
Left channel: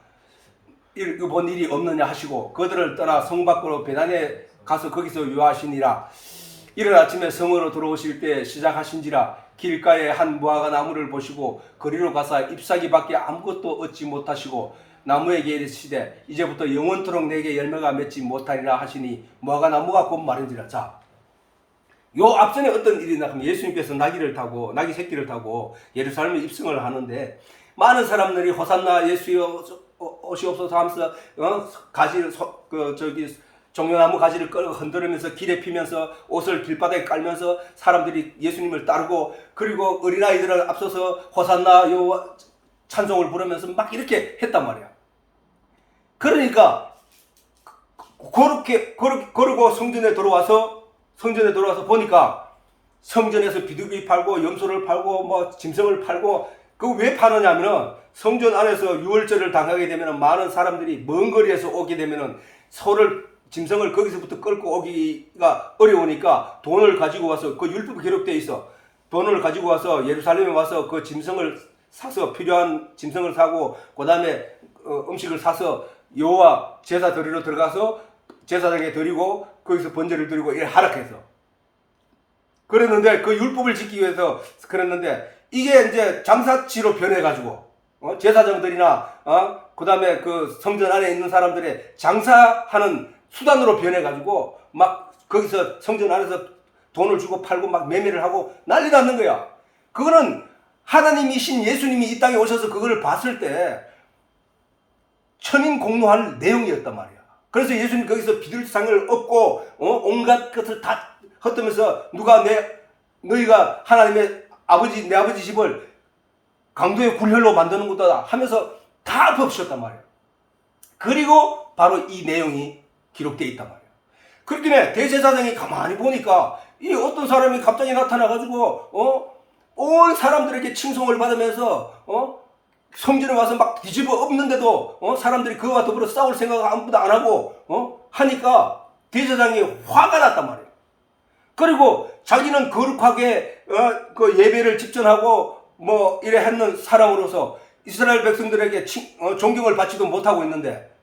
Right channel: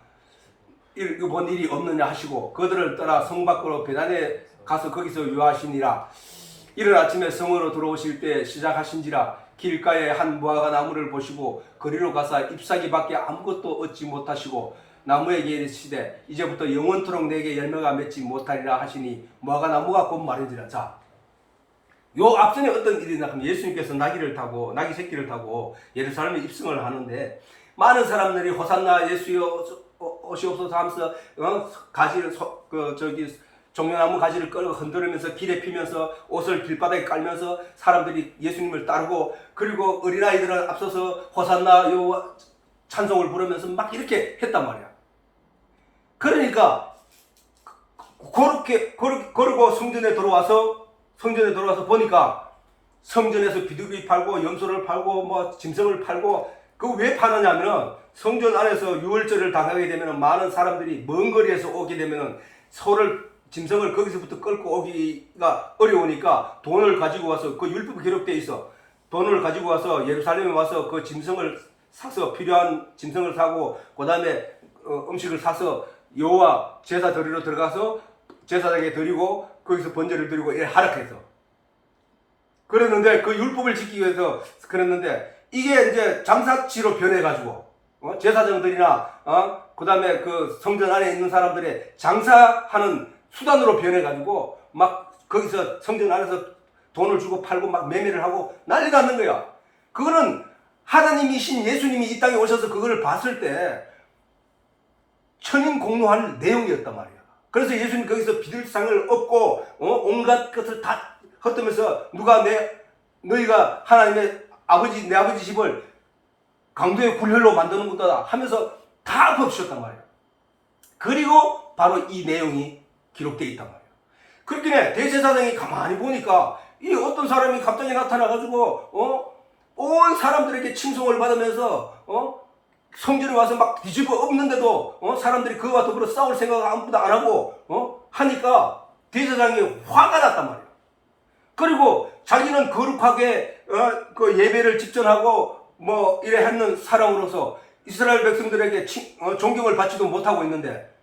읽어본 일이 없느냐 하시고 그들을 떠나 성 밖으로 베다니에 가서 거기서 유하시니라. 이른 아침에 성으로 들어오실 때 시작하신지라. 길가에 한 무화과 나무를 보시고 거리로 가사 잎사귀밖에 아무것도 얻지 못하시고 나무에게 이르시되 이제부터 영원토록 내게 열매가 맺지 못하리라 하시니 무화과 나무가 곧 마른지라. 자, 요 앞전에 어떤 일이 나면 예수님께서 나귀 새끼를 타고 예루살렘에 입성을 하는데 많은 사람들이 호산나 예수여 오시옵소서 하면서 가지를 종려나무 가지를 끌고 흔들으면서 길에 피면서 옷을 길바닥에 깔면서 사람들이 예수님을 따르고, 그리고 어린아이들을 앞서서 호산나 요 찬송을 부르면서 막 이렇게 했단 말이에요. 그러니까 그러고 성전에 들어와서 보니까 성전에서 비둘기 팔고 염소를 팔고 뭐 짐승을 팔고, 그 왜 파느냐면은 성전 안에서 유월절을 당하게 되면은 많은 사람들이 먼 거리에서 오게 되면은 짐승을 거기서부터 끌고 오기가 어려우니까 돈을 가지고 와서, 그 율법에 기록되어 있어. 돈을 가지고 와서 예루살렘에 와서 그 짐승을 사서, 필요한 짐승을 사고 그 다음에 음식을 사서 여호와 제사 드리러 들어가서 제사장에게 드리고 거기서 번제를 드리고 이렇게 하락해서 그랬는데, 그 율법을 지키기 위해서 그랬는데, 이게 이제 장사치로 변해가지고 제사장들이나 그 다음에 그 성전 안에 있는 사람들의 장사하는 수단으로 변해가지고 막 거기서 성전 안에서 돈을 주고 팔고 막 매매를 하고 난리 났는 거야. 그거는 하나님이신 예수님이 이 땅에 오셔서 그거를 봤을 때 천인 공노할 내용이었단 말이야. 그래서 예수님 거기서 비둘상을 얻고 온갖 것을 다 헛되면서 너희가 하나님의 내 아버지 집을 강도의 굴혈로 만드는 거다 하면서 다 덮으셨단 말이에요. 그리고 바로 이 내용이 기록되어 있단 말이에요. 그렇기 때문에 대제사장이 가만히 보니까 이 어떤 사람이 갑자기 나타나가지고 온 사람들에게 칭송을 받으면서 성전에 와서 막 뒤집어 엎는데도 사람들이 그거와 더불어 싸울 생각 아무도 안 하고 하니까 대제사장이 화가 났단 말이에요. 그리고 자기는 거룩하게 그 예배를 집전하고 뭐 이래 하는 사람으로서 이스라엘 백성들에게 존경을 받지도 못하고 있는데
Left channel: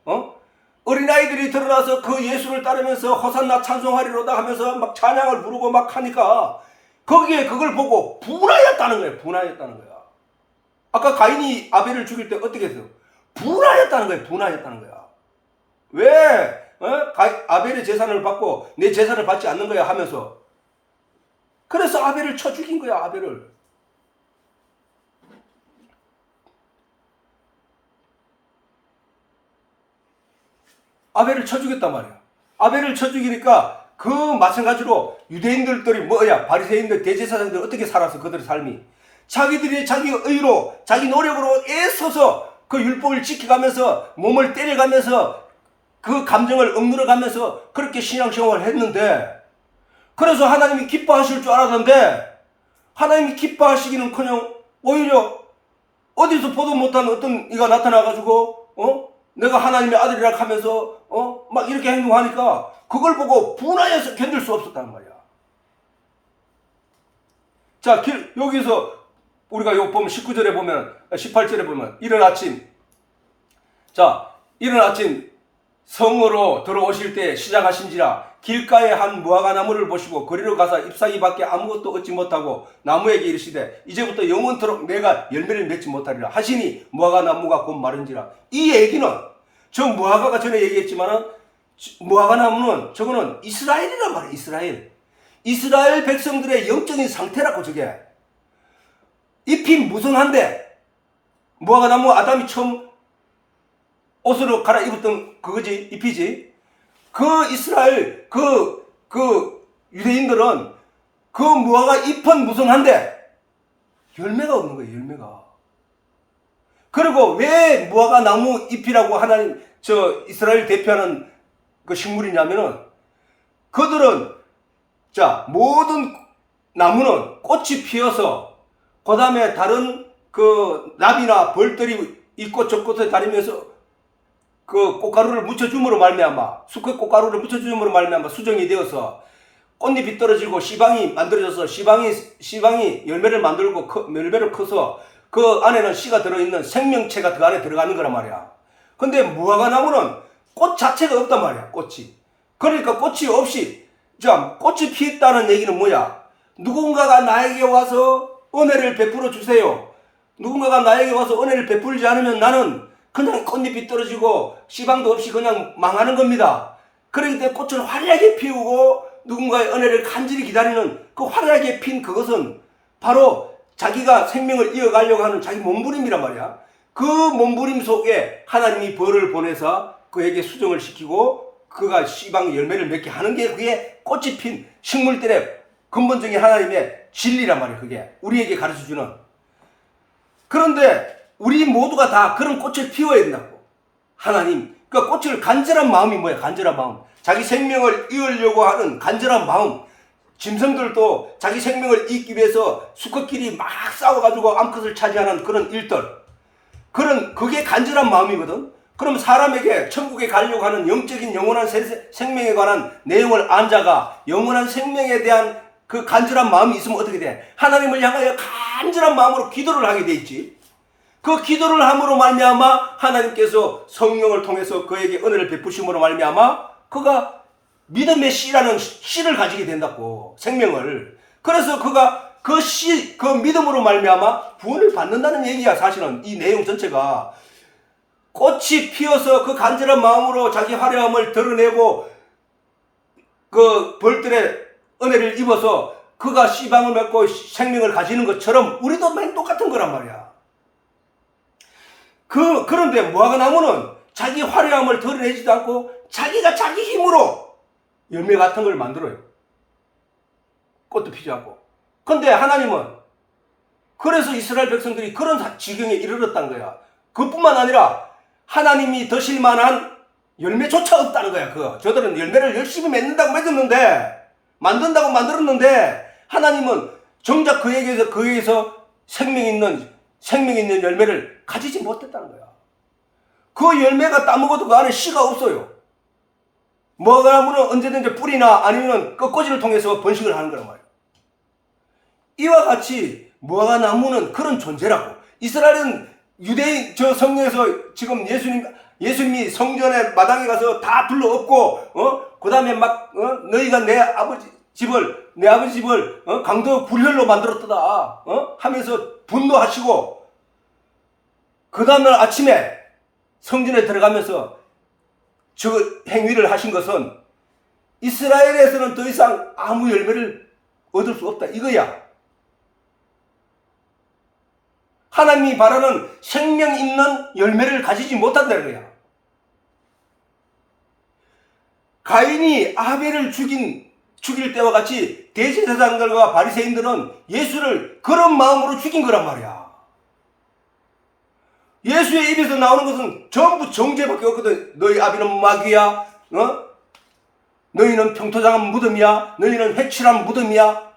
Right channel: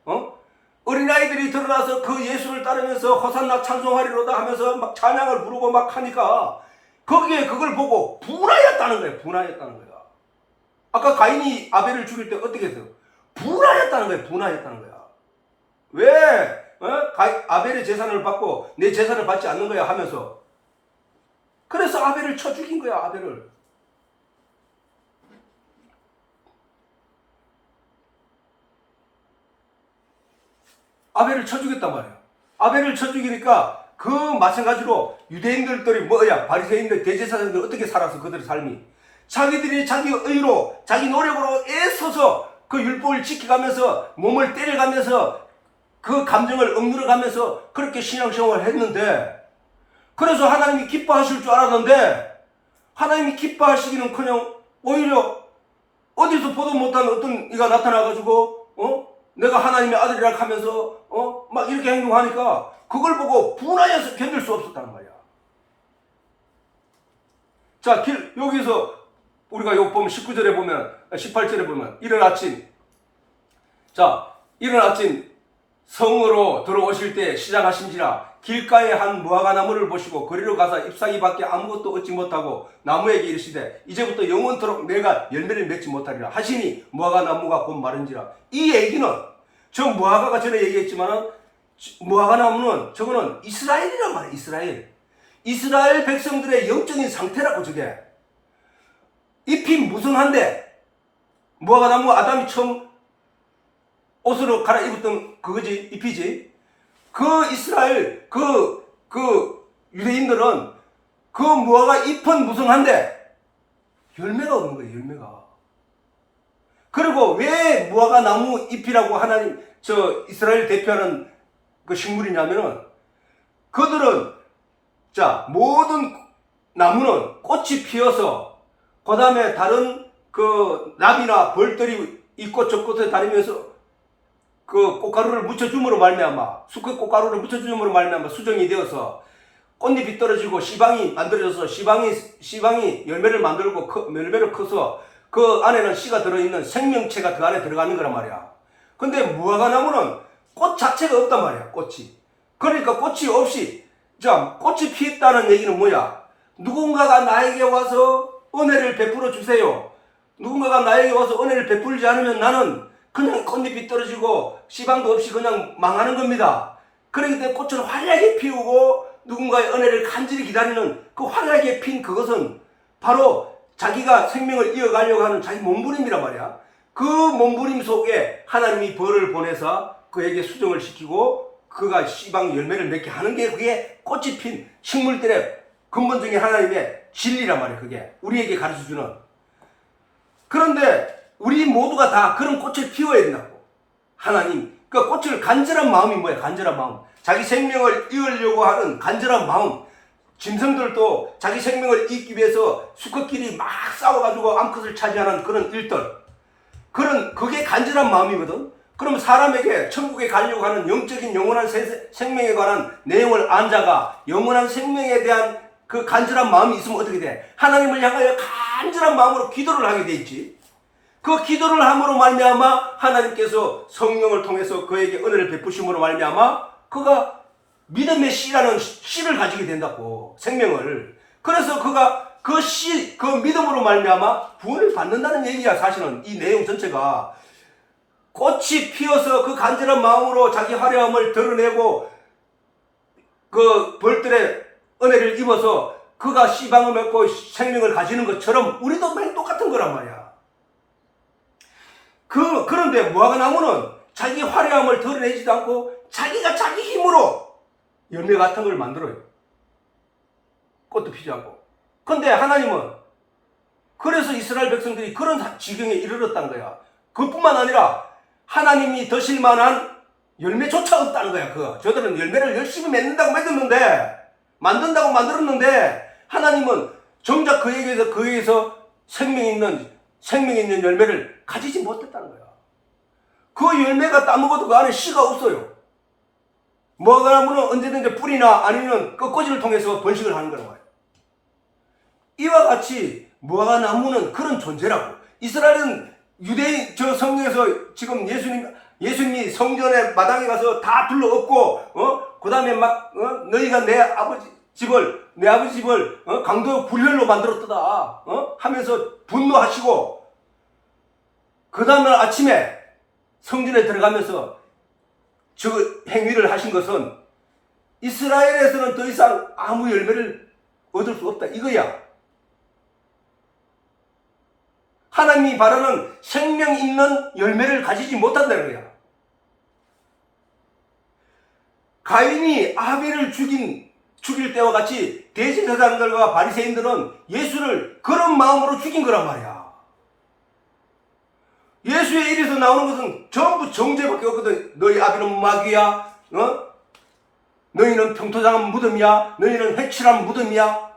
어린아이들이 드러나서 그 예수를 따르면서 호산나 찬송하리로다 하면서 막 찬양을 부르고 막 하니까 거기에 그걸 보고 분하였다는 거예요. 분하였다는 거야. 아까 가인이 아벨을 죽일 때 어떻게 했어? 분하였다는 거야. 분하였다는 거야. 왜 아벨의 재산을 받고 내 재산을 받지 않는 거야 하면서, 그래서 아벨을 쳐 죽인 거야. 아벨을 쳐 죽였단 말이야. 아벨을 쳐 죽이니까 그 마찬가지로 유대인들이 바리새인들 대제사장들이 어떻게 살았어? 그들의 삶이 자기들이 자기 의로 자기 노력으로 애써서 그 율법을 지켜가면서 몸을 때려가면서 그 감정을 억누러가면서 그렇게 신앙생활을 했는데, 그래서 하나님이 기뻐하실 줄 알았는데 하나님이 기뻐하시기는커녕 오히려 어디서 보도 못한 어떤 이가 나타나가지고 내가 하나님의 아들이라 하면서 막 이렇게 행동하니까 그걸 보고 분하여서 견딜 수 없었단 말이야. 자, 여기서 우리가 여기 보면 19절에 보면 18절에 보면 이른 아침 성으로 들어오실 때 시작하신지라. 길가에 한 무화과 나무를 보시고 거리로 가서 잎사귀밖에 아무것도 얻지 못하고 나무에게 이르시되 이제부터 영원토록 내가 열매를 맺지 못하리라 하시니 무화과 나무가 곧 마른지라. 이 얘기는 저 무화과가 전에 얘기했지만은 무화과 나무는 저거는 이스라엘이란 말이야. 이스라엘 백성들의 영적인 상태라고. 저게 잎이 무성한데, 무화과 나무 아담이 처음 옷으로 갈아입었던 그거지, 잎이지. 그 이스라엘 그 유대인들은 그 무화과 잎은 무성한데 열매가 없는 거예요. 열매가. 그리고 왜 무화과 나무 잎이라고 하나님 이스라엘 대표하는 그 식물이냐면은, 그들은 모든 나무는 꽃이 피어서 그 다음에 다른 그 나비나 벌들이 이 꽃 저 꽃에 다니면서 그 꽃가루를 묻혀줌으로 말미암아, 수컷 꽃가루를 묻혀줌으로 말미암아 수정이 되어서 꽃잎이 떨어지고 씨방이 만들어져서 씨방이 열매를 만들고 열매를 커서 그 안에는 씨가 들어있는 생명체가 그 안에 들어가는 거란 말이야. 근데 무화과나무는 꽃 자체가 없단 말이야. 꽃이. 그러니까 꽃이 없이 꽃이 피었다는 얘기는 뭐야? 누군가가 나에게 와서 은혜를 베풀어 주세요. 누군가가 나에게 와서 은혜를 베풀지 않으면 나는 그냥 꽃잎이 떨어지고 씨방도 없이 그냥 망하는 겁니다. 그렇기 때문에 꽃을 화려하게 피우고 누군가의 은혜를 간절히 기다리는 그 화려하게 핀 그것은 바로 자기가 생명을 이어가려고 하는 자기 몸부림이란 말이야. 그 몸부림 속에 하나님이 벌을 보내서 그에게 수정을 시키고 그가 씨방 열매를 맺게 하는 게 그게 꽃이 핀 식물들의 근본적인 하나님의 진리란 말이야. 그게 우리에게 가르쳐주는. 그런데 우리 모두가 다 그런 꽃을 피워야 된다고. 하나님 그러니까 꽃을 간절한 마음이 뭐야? 간절한 마음. 자기 생명을 이으려고 하는 간절한 마음. 짐승들도 자기 생명을 잇기 위해서 수컷끼리 막 싸워가지고 암컷을 차지하는 그런 일들. 그게 간절한 마음이거든. 그럼 사람에게 천국에 가려고 하는 영적인 영원한 생명에 관한 내용을 안 자가 영원한 생명에 대한 그 간절한 마음이 있으면 어떻게 돼? 하나님을 향하여 간절한 마음으로 기도를 하게 돼 있지. 그 기도를 함으로 말미암아 하나님께서 성령을 통해서 그에게 은혜를 베푸심으로 말미암아 그가 믿음의 씨라는 씨를 가지게 된다고. 생명을. 그래서 그가 그 씨, 그 믿음으로 말미암아 구원을 받는다는 얘기야. 사실은 이 내용 전체가. 꽃이 피어서 그 간절한 마음으로 자기 화려함을 드러내고 그 벌들의 은혜를 입어서 그가 씨방을 맺고 생명을 가지는 것처럼 우리도 많이 똑같은 거란 말이야. 그런데 무화과나무는 자기 화려함을 드러내지도 않고 자기가 자기 힘으로 열매 같은 걸 만들어요. 꽃도 피지 않고. 근데 하나님은 그래서 이스라엘 백성들이 그런 지경에 이르렀다는 거야. 그뿐만 아니라 하나님이 드실 만한 열매조차 없다는 거야. 저들은 열매를 열심히 맺는다고 만든다고 만들었는데 하나님은 정작 그에게서 생명 있는 열매를 가지지 못했다는 거야. 그 열매가 따먹어도 그 안에 씨가 없어요. 무화과나무는 언제든지 뿌리나 아니면 꽃꽂이를 통해서 번식을 하는 거란 말이야. 이와 같이 무화과나무는 그런 존재라고. 이스라엘은 유대인 성경에서 지금 예수님이 성전의 마당에 가서 다 둘러엎고 그 다음에 너희가 내 아버지 집을 강도 불혈로 만들었다 하면서 분노하시고 그 다음날 아침에 성전에 들어가면서 저 행위를 하신 것은 이스라엘에서는 더 이상 아무 열매를 얻을 수 없다 이거야. 하나님이 바라는 생명 있는 열매를 가지지 못한다는 거야. 가인이 아벨을 죽일 때와 같이 대제사장들과 바리새인들은 예수를 그런 마음으로 죽인 거란 말이야. 예수의 입에서 나오는 것은 전부 정죄밖에 없거든. 너희 아비는 마귀야. 너희는 평토장한 무덤이야. 너희는 해칠한 무덤이야.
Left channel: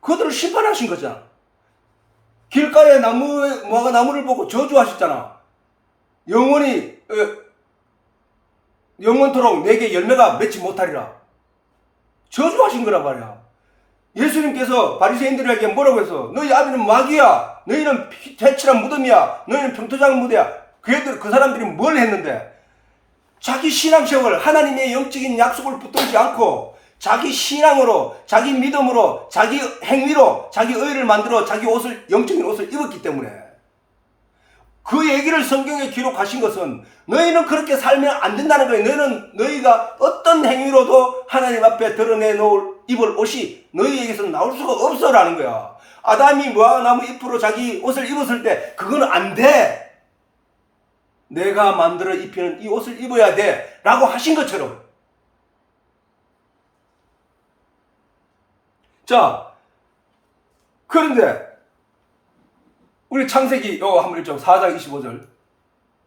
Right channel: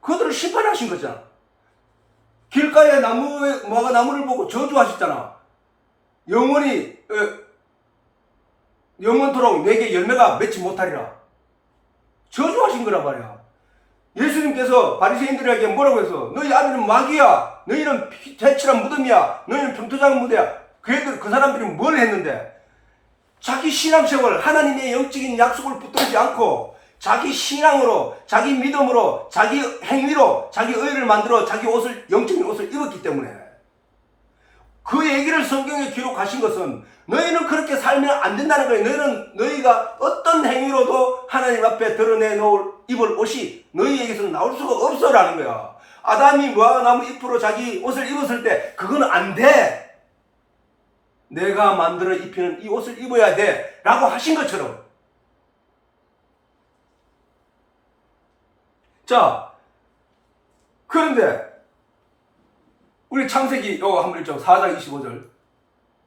그들을 심판하신 거잖아. 길가에 무화과나무를 보고 저주하셨잖아. 영원토록 내게 열매가 맺지 못하리라. 저주하신 거란 말이야. 예수님께서 바리새인들에게 뭐라고 해서 너희 아비는 마귀야. 너희는 해칠한 무덤이야. 너희는 평토장한 무덤이야. 그 사람들이 뭘 했는데 자기 신앙생활 하나님의 영적인 약속을 붙들지 않고 자기 신앙으로 자기 믿음으로 자기 행위로 자기 의를 만들어 자기 영적인 옷을 입었기 때문에 그 얘기를 성경에 기록하신 것은 너희는 그렇게 살면 안 된다는 거예요. 너희가 어떤 행위로도 하나님 앞에 입을 옷이 너희에게서 나올 수가 없어라는 거야. 아담이 무화과나무 잎으로 자기 옷을 입었을 때 그건 안 돼. 내가 만들어 입히는 이 옷을 입어야 돼 라고 하신 것처럼. 자, 그런데 우리 창세기 한번 읽죠. 4장 25절.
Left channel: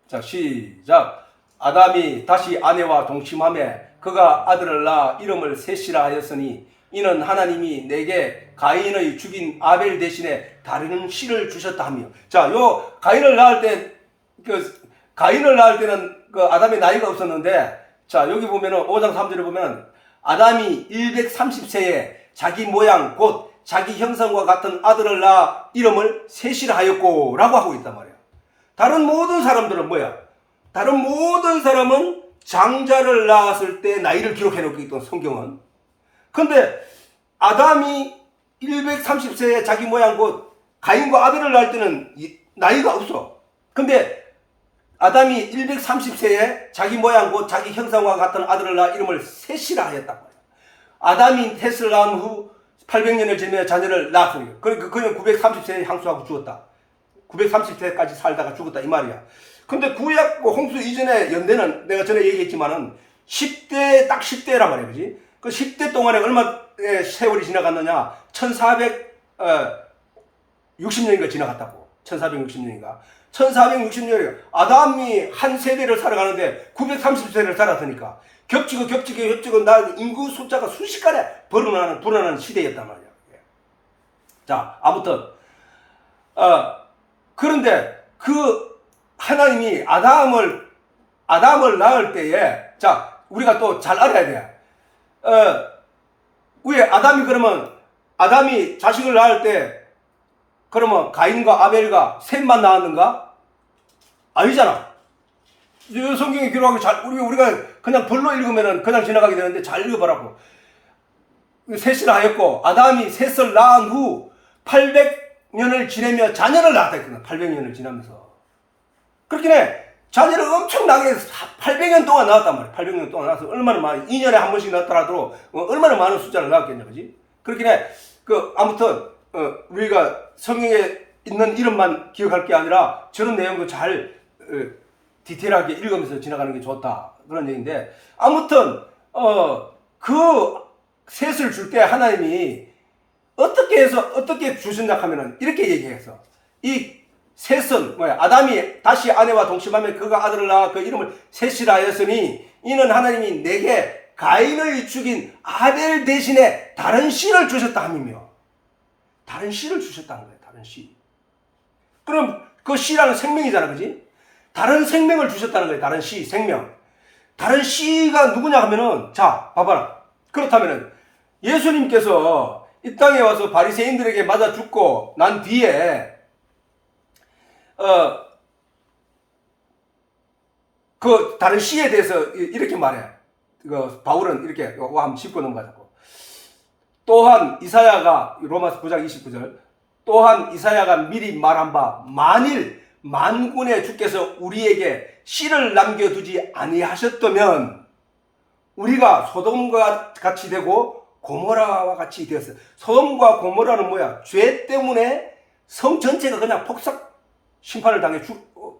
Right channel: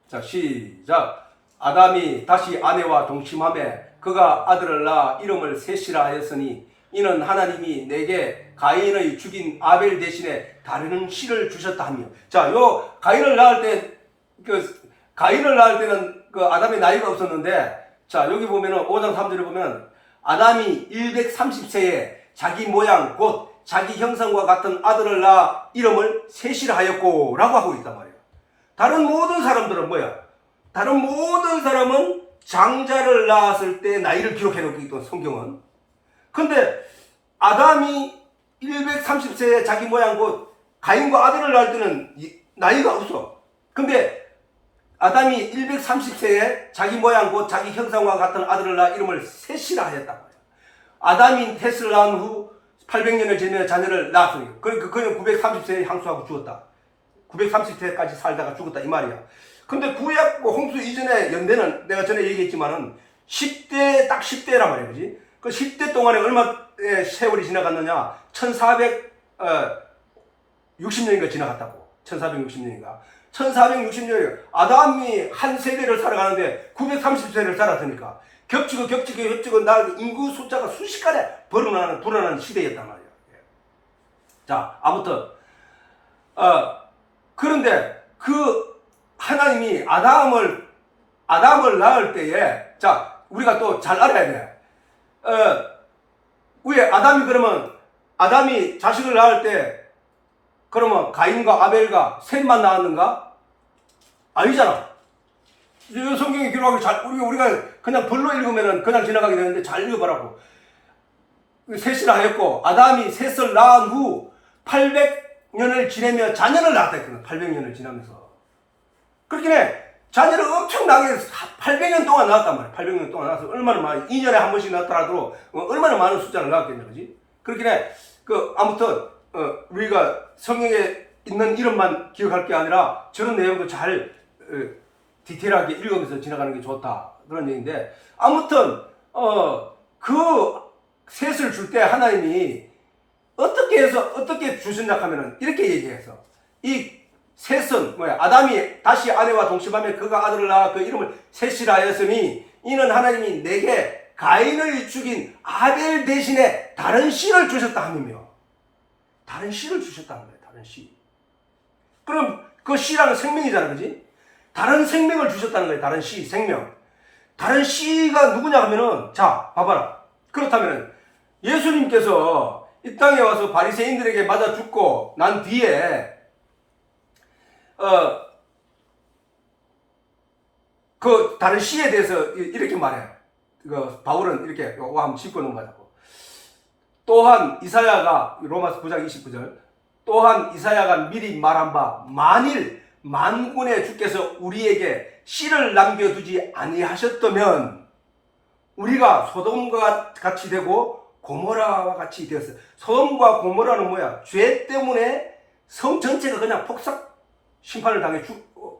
자, 시작. 아담이 다시 아내와 동침하매 그가 아들을 낳아 이름을 셋이라 하였으니 이는 하나님이 내게 가인의 죽인 아벨 대신에 다른 씨를 주셨다 하며. 자, 가인을 낳을 때는 그 아담의 나이가 없었는데, 자, 여기 보면은 5장 3절에 보면은 아담이 130세에 자기 모양 곧 자기 형상과 같은 아들을 낳아 이름을 셋이라 하였고 라고 하고 있단 말이에요. 다른 모든 사람들은 뭐야? 다른 모든 사람은 장자를 낳았을 때 나이를 기록해 놓고 있던 성경은. 근데 아담이 130세에 자기 모양 곧 가인과 아벨을 낳을 때는 나이가 없어. 근데 아담이 130세에 자기 모양 곧 자기 형상과 같은 아들을 낳아 이름을 셋이라 하였단 말이에요. 아담이 셋을 낳은 후 800년을 지내 자녀를 낳았으니 그는 930세에 향수하고 죽었다. 930세까지 살다가 죽었다 이 말이야. 근데 구약 홍수 이전의 연대는 내가 전에 얘기했지만은 10대 딱 10대란 말이야. 그지? 그 10대 동안에 얼마의 세월이 지나갔느냐? 1460년인가 지나갔다고. 1460년인가. 1460년 아담이 한 세대를 살아가는데 930세를 살았으니까 겹치고 나 인구 숫자가 순식간에 불어나는 시대였단 말이야. 자, 아무튼 그런데 그 하나님이 아담을 낳을 때에 자 우리가 또 잘 알아야 돼. 왜 아담이 자식을 낳을 때 그러면 가인과 아벨과 셋만 낳았는가? 아니잖아. 성경에 기록하기 우리가 그냥 벌로 읽으면 그냥 지나가게 되는데 잘 읽어보라고. 셋이나 하였고 아담이 셋을 낳은 후 800년을 지내며 자녀를 낳았다 했거든. 800년을 지나면서. 그렇긴 해. 자녀를 엄청나게 800년 동안 낳았단 말이야. 800년 동안 낳아서 얼마나 많이 2년에 한 번씩 낳더라도 얼마나 많은 숫자를 낳았겠냐. 그지? 그렇긴 해. 아무튼 우리가 성경에 있는 이름만 기억할 게 아니라 저런 내용도 잘 디테일하게 읽으면서 지나가는 게 좋다. 그런 얘기인데 아무튼 그 셋을 줄 때 하나님이 어떻게 주신다 하면은 이렇게 얘기해서 이 셋은 뭐야? 아담이 다시 아내와 동침하며 그가 아들을 낳아 그 이름을 셋이라 하였으니 이는 하나님이 내게 가인을 죽인 아벨 대신에 다른 씨를 주셨다 함이며 다른 씨를 주셨다는 거예요. 다른 씨. 그럼 그 씨라는 생명이잖아. 그지? 다른 생명을 주셨다는 거예요. 다른 씨, 생명. 다른 씨가 누구냐 하면은 자, 봐봐라. 그렇다면은 예수님께서 이 땅에 와서 바리새인들에게 맞아 죽고 난 뒤에 그 다른 씨에 대해서 이렇게 말해. 바울은 이렇게 한번 짚고 넘어가자고. 또한 이사야가 로마서 9장 29절 또한 이사야가 미리 말한 바 만일 만군의 주께서 우리에게 씨를 남겨두지 아니하셨다면 우리가 소돔과 같이 되고 고모라와 같이 되었어요. 소돔과 고모라는 뭐야? 죄 때문에 성 전체가 그냥 폭삭 심판을 당해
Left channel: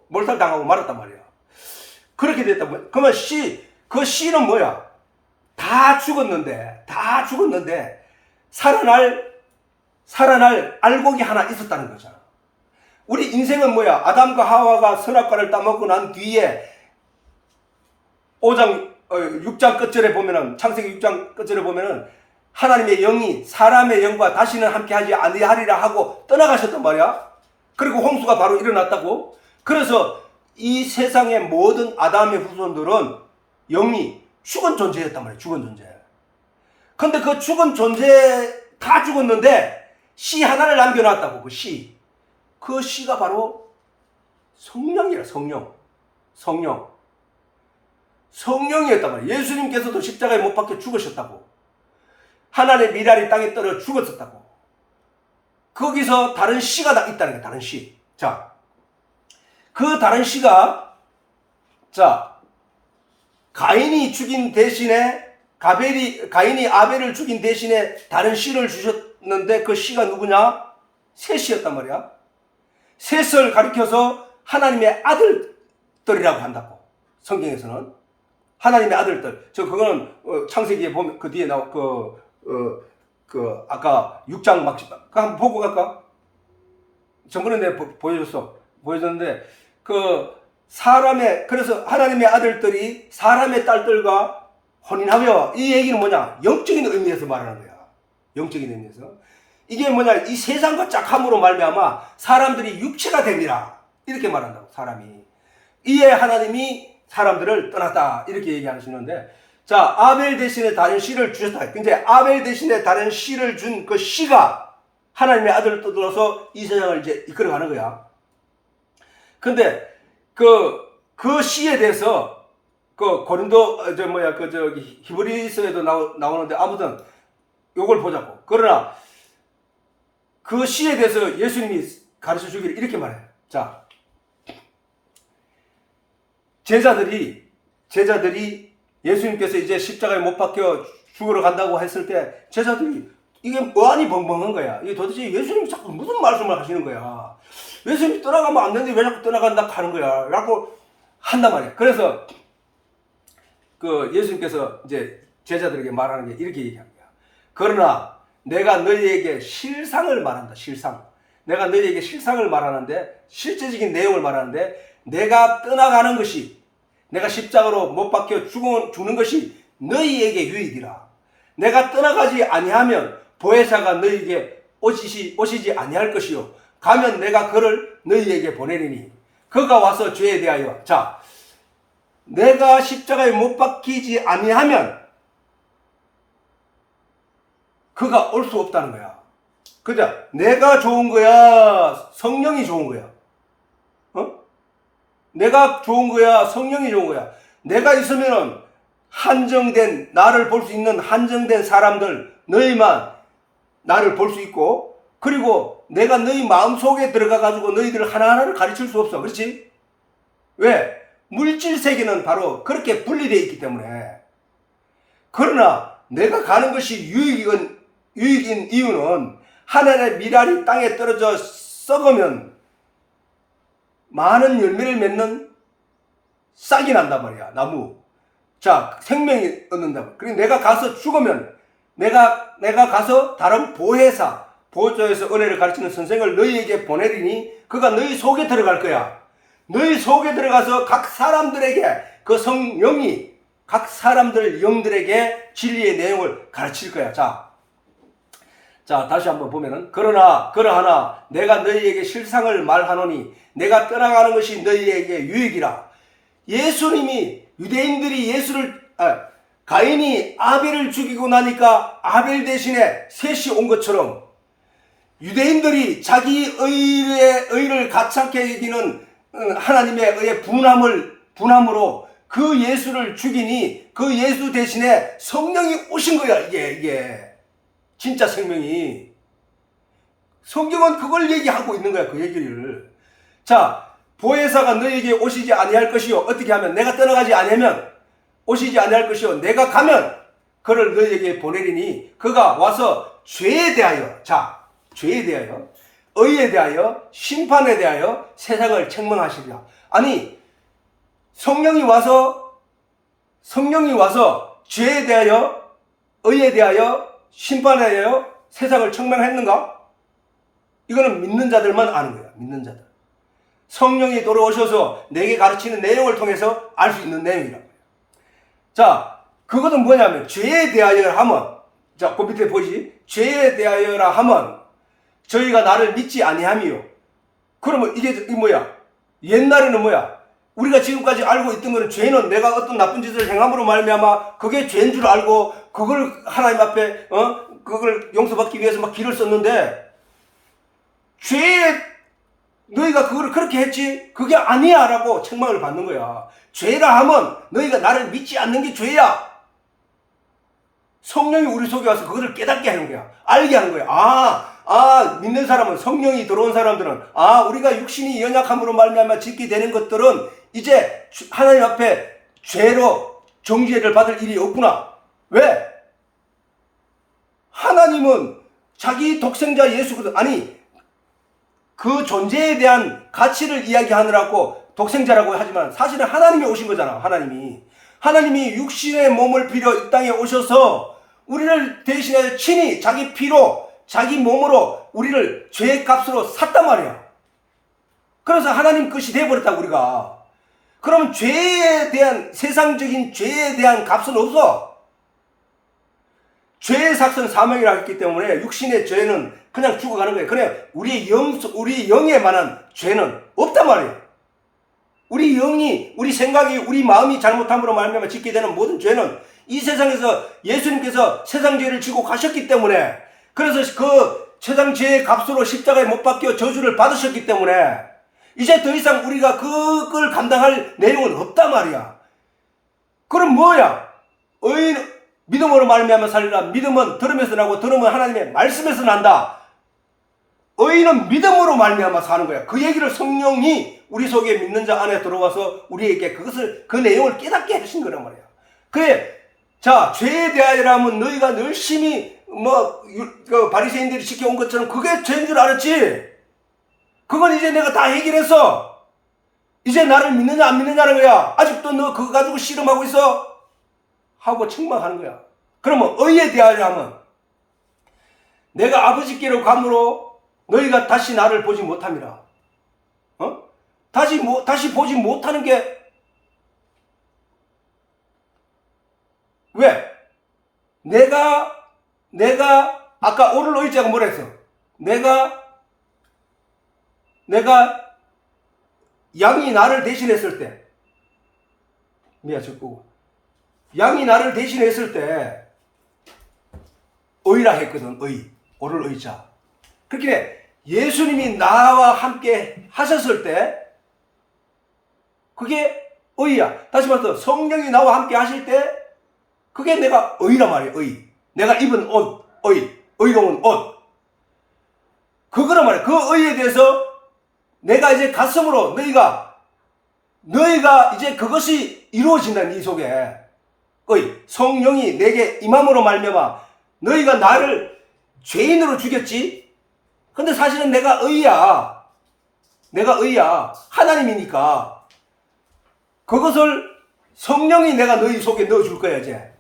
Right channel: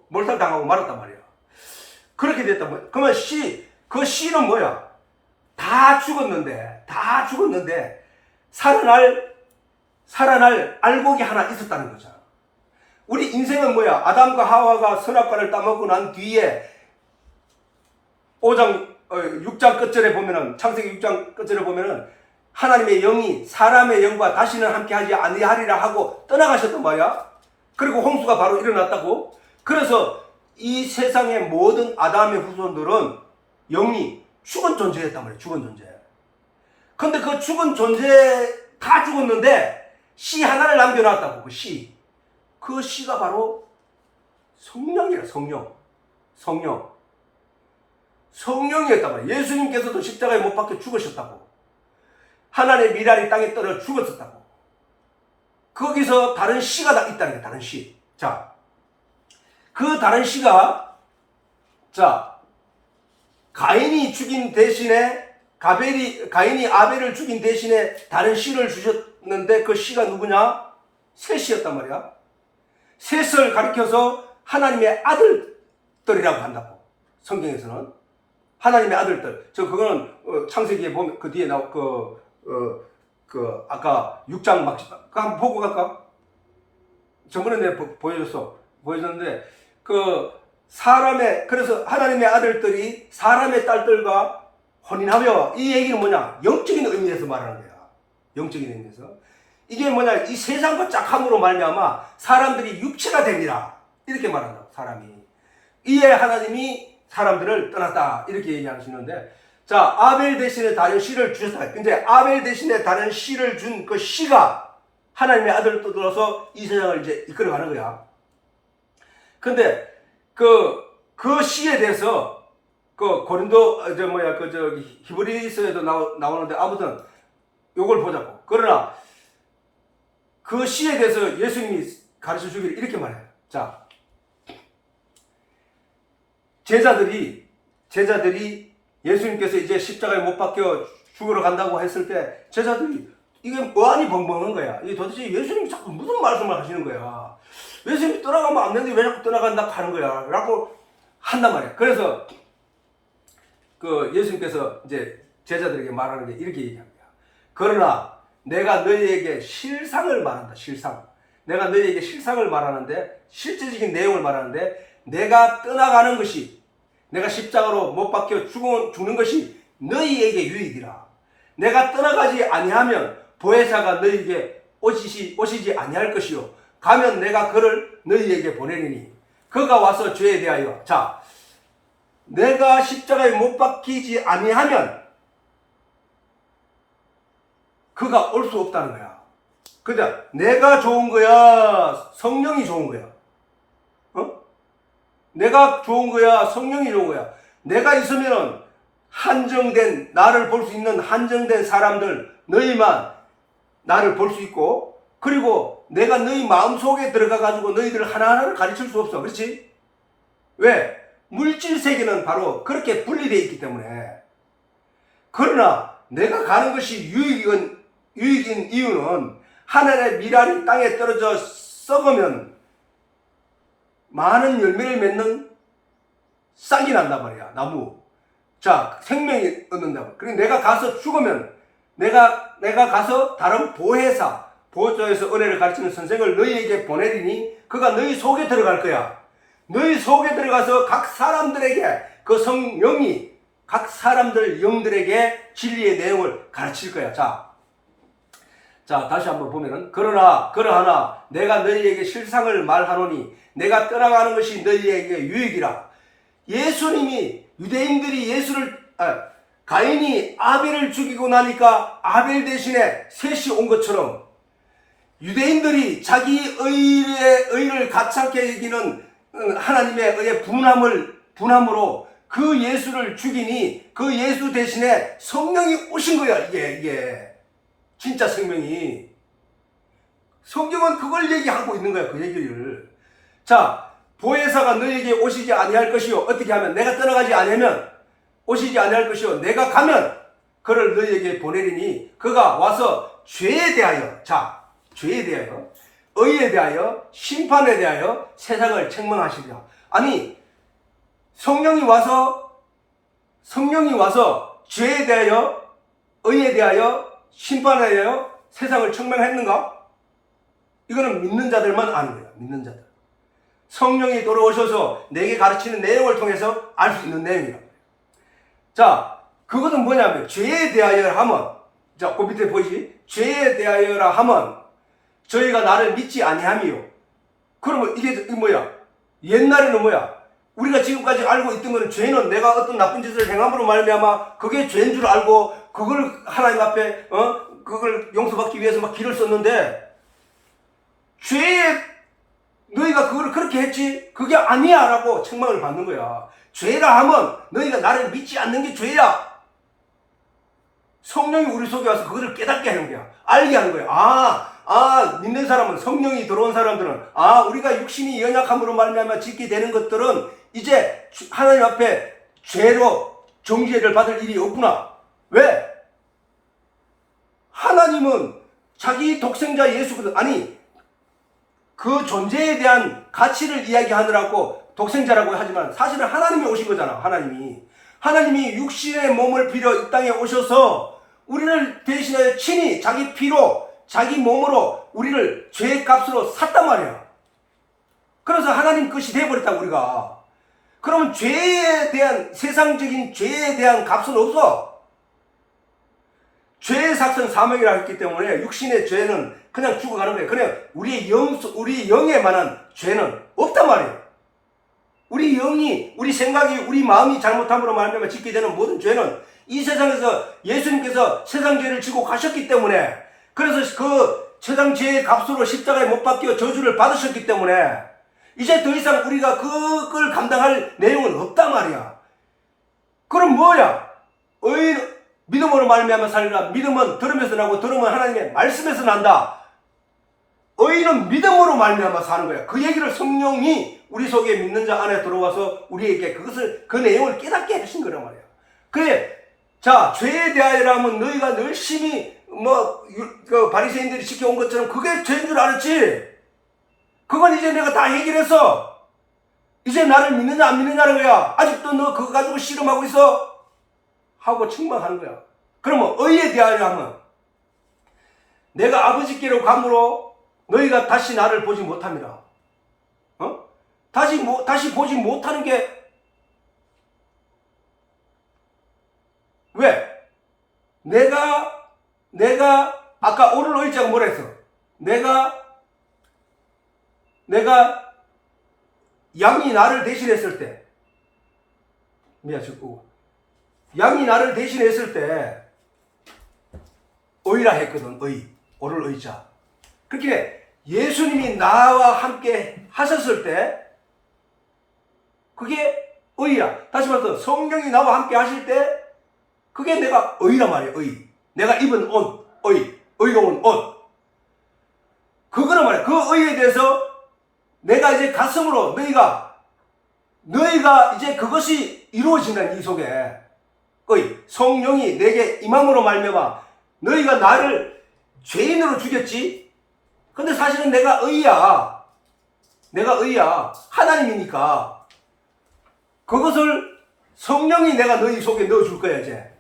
몰살당하고 말았단 말이야. 그렇게 됐단 말이야. 그러면 그 씨는 뭐야? 다 죽었는데 살아날 알곡이 하나 있었다는 거잖아. 우리 인생은 뭐야? 아담과 하와가 선악과를 따먹고 난 뒤에 6장 끝절에 보면은 창세기 6장 끝절에 보면은 하나님의 영이 사람의 영과 다시는 함께하지 아니하리라 하고 떠나가셨단 말이야. 그리고 홍수가 바로 일어났다고. 그래서 이 세상의 모든 아담의 후손들은 영이 죽은 존재였단 말이야. 죽은 존재. 근데 그 죽은 존재 다 죽었는데 씨 하나를 남겨놨다고. 그 씨가 바로 성령이라. 성령이었단 말이야. 예수님께서도 십자가에 못 박혀 죽으셨다고. 하나님의 미랄이 땅에 떨어 죽었었다고. 거기서 다른 씨가 있다는 거야. 다른 씨. 자, 그 다른 씨가 가인이 죽인 대신에 가인이 아벨을 죽인 대신에 다른 씨를 주셨는데 그 씨가 누구냐? 셋이었단 말이야. 셋을 가리켜서 하나님의 아들들이라고 한다고. 성경에서는 하나님의 아들들. 그거는 창세기에 보면 그 뒤에 나오 아까 6장 막 한번 보고 갈까? 저번에 내가 보여줬는데 그래서 하나님의 아들들이 사람의 딸들과 혼인하며 이 얘기는 뭐냐? 영적인 의미에서 말하는 거야. 영적인 의미에서. 이게 뭐냐? 이 세상과 짝함으로 말미암아 사람들이 육체가 됩니다. 이렇게 말한다고. 사람이. 이에 하나님이 사람들을 떠났다. 이렇게 얘기하시는데 자, 아벨 대신에 다른 씨를 주셨다. 근데 아벨 대신에 다른 씨를 준 그 씨가 하나님의 아들을 떠들어서 이 세상을 이제 이끌어가는 거야. 근데 그 씨에 대해서 그 고린도 히브리서에도 나오는데 아무튼 요걸 보자고. 그러나 그 씨에 대해서 예수님이 가르쳐 주기를 이렇게 말해요. 자, 제자들이 예수님께서 이제 십자가에 못 박혀 죽으러 간다고 했을 때 제자들이 이게 뭐하니 벙벙한 거야. 이게 도대체 예수님이 자꾸 무슨 말씀을 하시는 거야. 예수님이 떠나가면 안 되는데 왜 자꾸 떠나간다 하는 거야. 라고 한단 말이야. 그래서 그 예수님께서 이제 제자들에게 말하는 게 이렇게 얘기하는 거야. 그러나 내가 너희에게 실상을 말한다. 실상. 내가 너희에게 실상을 말하는데 실제적인 내용을 말하는데 내가 떠나가는 것이 내가 십자가로 못 박혀 죽는 것이 너희에게 유익이라. 내가 떠나가지 아니하면 보혜사가 너희에게 오시지 아니할 것이요. 가면 내가 그를 너희에게 보내리니 그가 와서 죄에 대하여 자 내가 십자가에 못 박히지 아니하면 그가 올 수 없다는 거야. 그죠? 내가 좋은 거야? 성령이 좋은 거야? 내가 좋은 거야? 성령이 좋은 거야? 내가 있으면은 한정된 나를 볼 수 있는 한정된 사람들 너희만 나를 볼 수 있고 그리고 내가 너희 마음속에 들어가 가지고 너희들 하나하나를 가르칠 수 없어. 그렇지? 왜? 물질 세계는 바로 그렇게 분리되어 있기 때문에. 그러나 내가 가는 것이 유익인 이유는 하늘의 밀알이 땅에 떨어져 썩으면 많은 열매를 맺는 싹이 난단 말이야. 나무. 자, 생명이 얻는다고. 그리고 내가 가서 죽으면 내가 가서 다른 보혜사에서 은혜를 가르치는 선생을 너희에게 보내리니 그가 너희 속에 들어갈 거야. 너희 속에 들어가서 각 사람들에게 그 성령이 각 사람들 영들에게 진리의 내용을 가르칠 거야. 자, 다시 한번 보면은 그러하나 내가 너희에게 실상을 말하노니 내가 떠나가는 것이 너희에게 유익이라. 예수님이 유대인들이 가인이 아벨을 죽이고 나니까 아벨 대신에 셋이 온 것처럼 유대인들이 자기 의를 가찮게 여기는 하나님의 의의 분함으로 그 예수를 죽이니 그 예수 대신에 성령이 오신 거야. 이게 진짜 생명이. 성경은 그걸 얘기하고 있는 거야. 그 얘기를. 자, 보혜사가 너희에게 오시지 아니할 것이요. 어떻게 하면 내가 떠나가지 않으면 오시지 아니할 것이요. 내가 가면 그를 너희에게 보내리니 그가 와서 죄에 대하여 죄에 대하여 의에 대하여 심판에 대하여 세상을 책망하시리라. 아니 성령이 와서 죄에 대하여 의에 대하여 심판에 대하여 세상을 책망했는가? 이거는 믿는 자들만 아는 거예요. 믿는 자들. 성령이 돌아오셔서 내게 가르치는 내용을 통해서 알 수 있는 내용이라고. 자, 그것은 뭐냐면 죄에 대하여 하면 자, 그 밑에 보이지? 죄에 대하여라 하면 저희가 나를 믿지 아니함이요. 그러면 이게 뭐야? 옛날에는 뭐야? 우리가 지금까지 알고 있던 거는 죄는 내가 어떤 나쁜 짓을 행함으로 말미암아 그게 죄인 줄 알고 그걸 하나님 앞에 그걸 용서받기 위해서 막 길을 썼는데 죄에 너희가 그걸 그렇게 했지? 그게 아니야 라고 책망을 받는 거야. 죄라 하면 너희가 나를 믿지 않는 게 죄야. 성령이 우리 속에 와서 그거를 깨닫게 하는 거야. 알게 하는 거야. 믿는 사람은 성령이 들어온 사람들은 우리가 육신이 연약함으로 말미암아 짓게 되는 것들은 이제 하나님 앞에 죄로 정죄를 받을 일이 없구나. 왜? 하나님은 자기 독생자 예수거든. 아니 그 존재에 대한 가치를 이야기하느라고 독생자라고 하지만 사실은 하나님이 오신 거잖아. 하나님이 육신의 몸을 빌어 이 땅에 오셔서 우리를 대신해 친히 자기 피로 자기 몸으로 우리를 죄의 값으로 샀단 말이야. 그래서 하나님 것이 되어버렸다 우리가. 그러면 죄에 대한 세상적인 죄에 대한 값은 없어. 죄의 삭은 사망이라 했기 때문에 육신의 죄는 그냥 죽어가는 거예요. 그냥 우리 영에 관한 죄는 없단 말이에요. 우리 영이, 우리 생각이, 우리 마음이 잘못함으로 말미암아 짓게 되는 모든 죄는 이 세상에서 예수님께서 세상 죄를 지고 가셨기 때문에, 그래서 그 세상 죄의 값으로 십자가에 못 박혀 저주를 받으셨기 때문에 이제 더 이상 우리가 그걸 감당할 내용은 없단 말이야. 그럼 뭐야? 믿음으로 말미암아 살리라. 믿음은 들으면서 나고 들으면 하나님의 말씀에서 난다. 의인은 믿음으로 말미암아 사는 거야. 그 얘기를 성령이 우리 속에 믿는 자 안에 들어와서 우리에게 그 내용을 깨닫게 하신 거란 말이야. 그래, 자, 죄에 대하여라면 너희가 열심히 그 바리새인들이 지켜온 것처럼 그게 죄인 줄 알았지. 그건 이제 내가 다 해결했어. 이제 나를 믿느냐 안 믿느냐는 거야. 아직도 너 그거 가지고 씨름하고 있어? 하고 책망하는 거야. 그러면 의에 대하여 하면 내가 아버지께로 감으로 너희가 다시 나를 보지 못함이라. 다시 보지 못하는 게 왜? 내가 아까 오늘 의자가 뭐라 했어? 내가 양이 나를 대신했을 때, 양이 나를 대신했을 때 의라 했거든. 오늘 의자. 그렇게 예수님이 나와 함께 하셨을 때 그게 의야. 다시 말해서 성령이 나와 함께 하실 때 그게 내가 의란 말이야. 내가 입은 옷, 의로운 옷. 그거란 말이야. 그 의에 대해서 내가 이제 가슴으로 너희가 이제 그것이 이루어진다. 네 속에 성령이 내게 임함으로 말미암아 너희가 나를 죄인으로 죽였지. 근데 사실은 내가 의야. 하나님이니까 그것을 성령이 내가 너희 속에 넣어줄 거야. 이제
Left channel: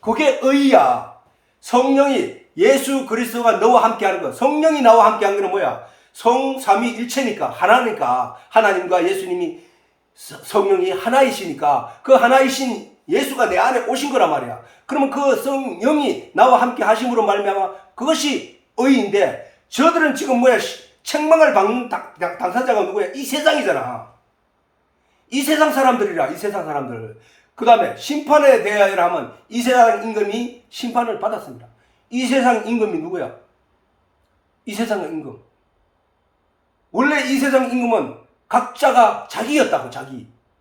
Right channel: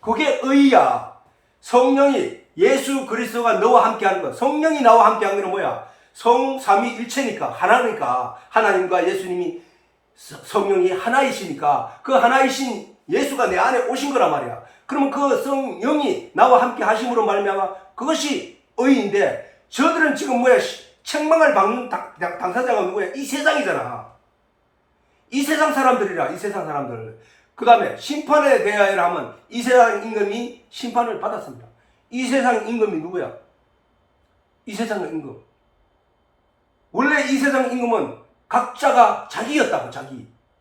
그게 의야. 성령이, 예수 그리스도가 너와 함께 하는 거. 성령이 나와 함께 하는 거는 뭐야? 성삼위일체니까, 하나니까. 하나님과 예수님이, 성령이 하나이시니까 그 하나이신 예수가 내 안에 오신 거란 말이야. 그러면 그 성령이 나와 함께 하심으로 말미암아 그것이 의인데, 저들은 지금 뭐야? 책망을 받는 당사자가 누구야? 이 세상이잖아. 이 세상 사람들이라. 이 세상 사람들. 그 다음에 심판에 대하여 하면 이 세상 임금이 심판을 받았습니다. 이 세상 임금이 누구야? 이 세상 임금. 원래 이 세상 임금은 각자가 자기였다고.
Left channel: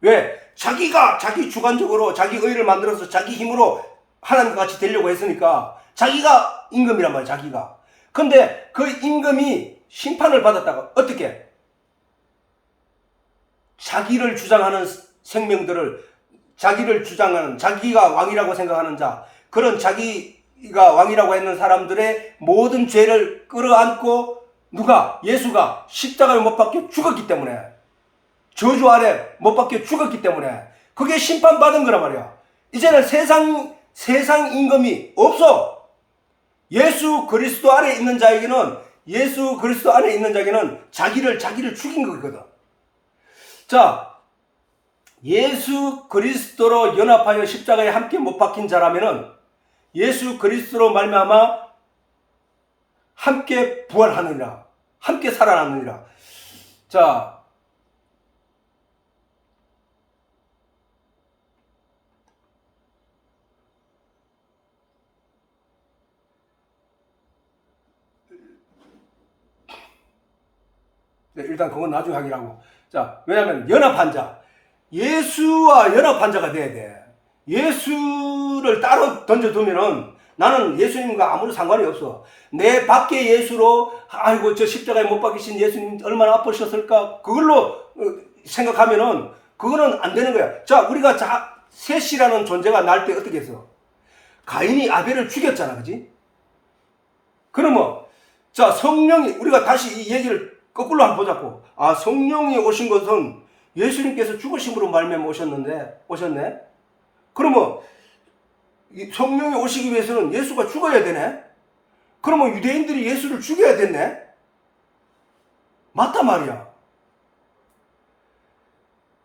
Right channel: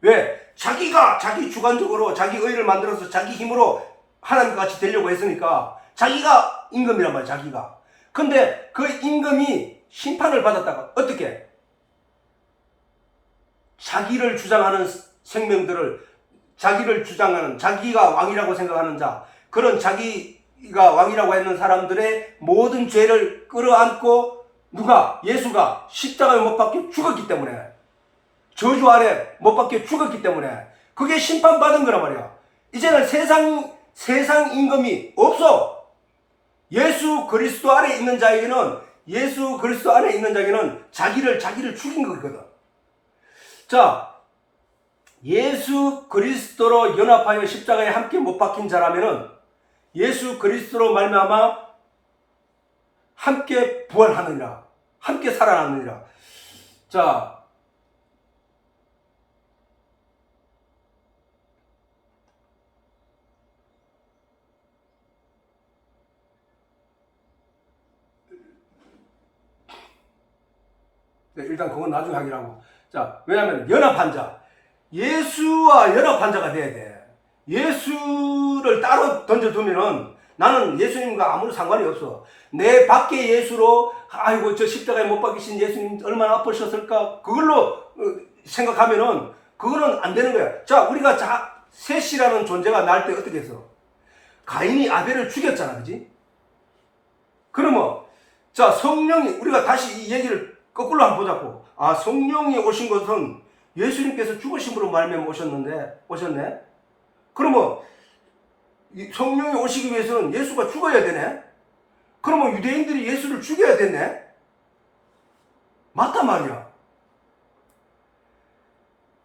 왜? 자기가 자기 주관적으로 자기 의를 만들어서 자기 힘으로 하나님과 같이 되려고 했으니까 자기가 임금이란 말이야. 자기가. 근데 그 임금이 심판을 받았다고. 어떻게? 자기를 주장하는 생명들을, 자기를 주장하는, 자기가 왕이라고 생각하는 자, 그런 자기가 왕이라고 했는 사람들의 모든 죄를 끌어안고 누가? 예수가 십자가에 못 박혀 죽었기 때문에, 저주 아래 못 박혀 죽었기 때문에 그게 심판받은 거란 말이야. 이제는 세상 임금이 없어. 예수 그리스도 안에 있는 자에게는 자기를 죽인 거거든. 자, 예수 그리스도로 연합하여 십자가에 함께 못 박힌 자라면은 예수 그리스도로 말미암아 함께 부활하느니라, 함께 살아나느니라. 자, 네, 일단 그건 나중에 하기라고. 자, 왜냐하면 연합한 자, 예수와 연합한 자가 돼야 돼. 예수를 따로 던져두면은 나는 예수님과 아무런 상관이 없어. 내 밖에 예수로, 아이고 저 십자가에 못 박히신 예수님 얼마나 아프셨을까, 그걸로 생각하면은 그거는 안 되는 거야. 자, 우리가 셋이라는 존재가 날 때 어떻게 했어? 가인이 아벨을 죽였잖아, 그지? 그러면 자, 성령이, 우리가 다시 이 얘기를 거꾸로 한번 보자고. 아, 성령이 오신 것은 예수님께서 죽으심으로 말미암아 오셨네? 그러면 성령이 오시기 위해서는 예수가 죽어야 되네? 그러면 유대인들이 예수를 죽여야 되네? 맞단 말이야.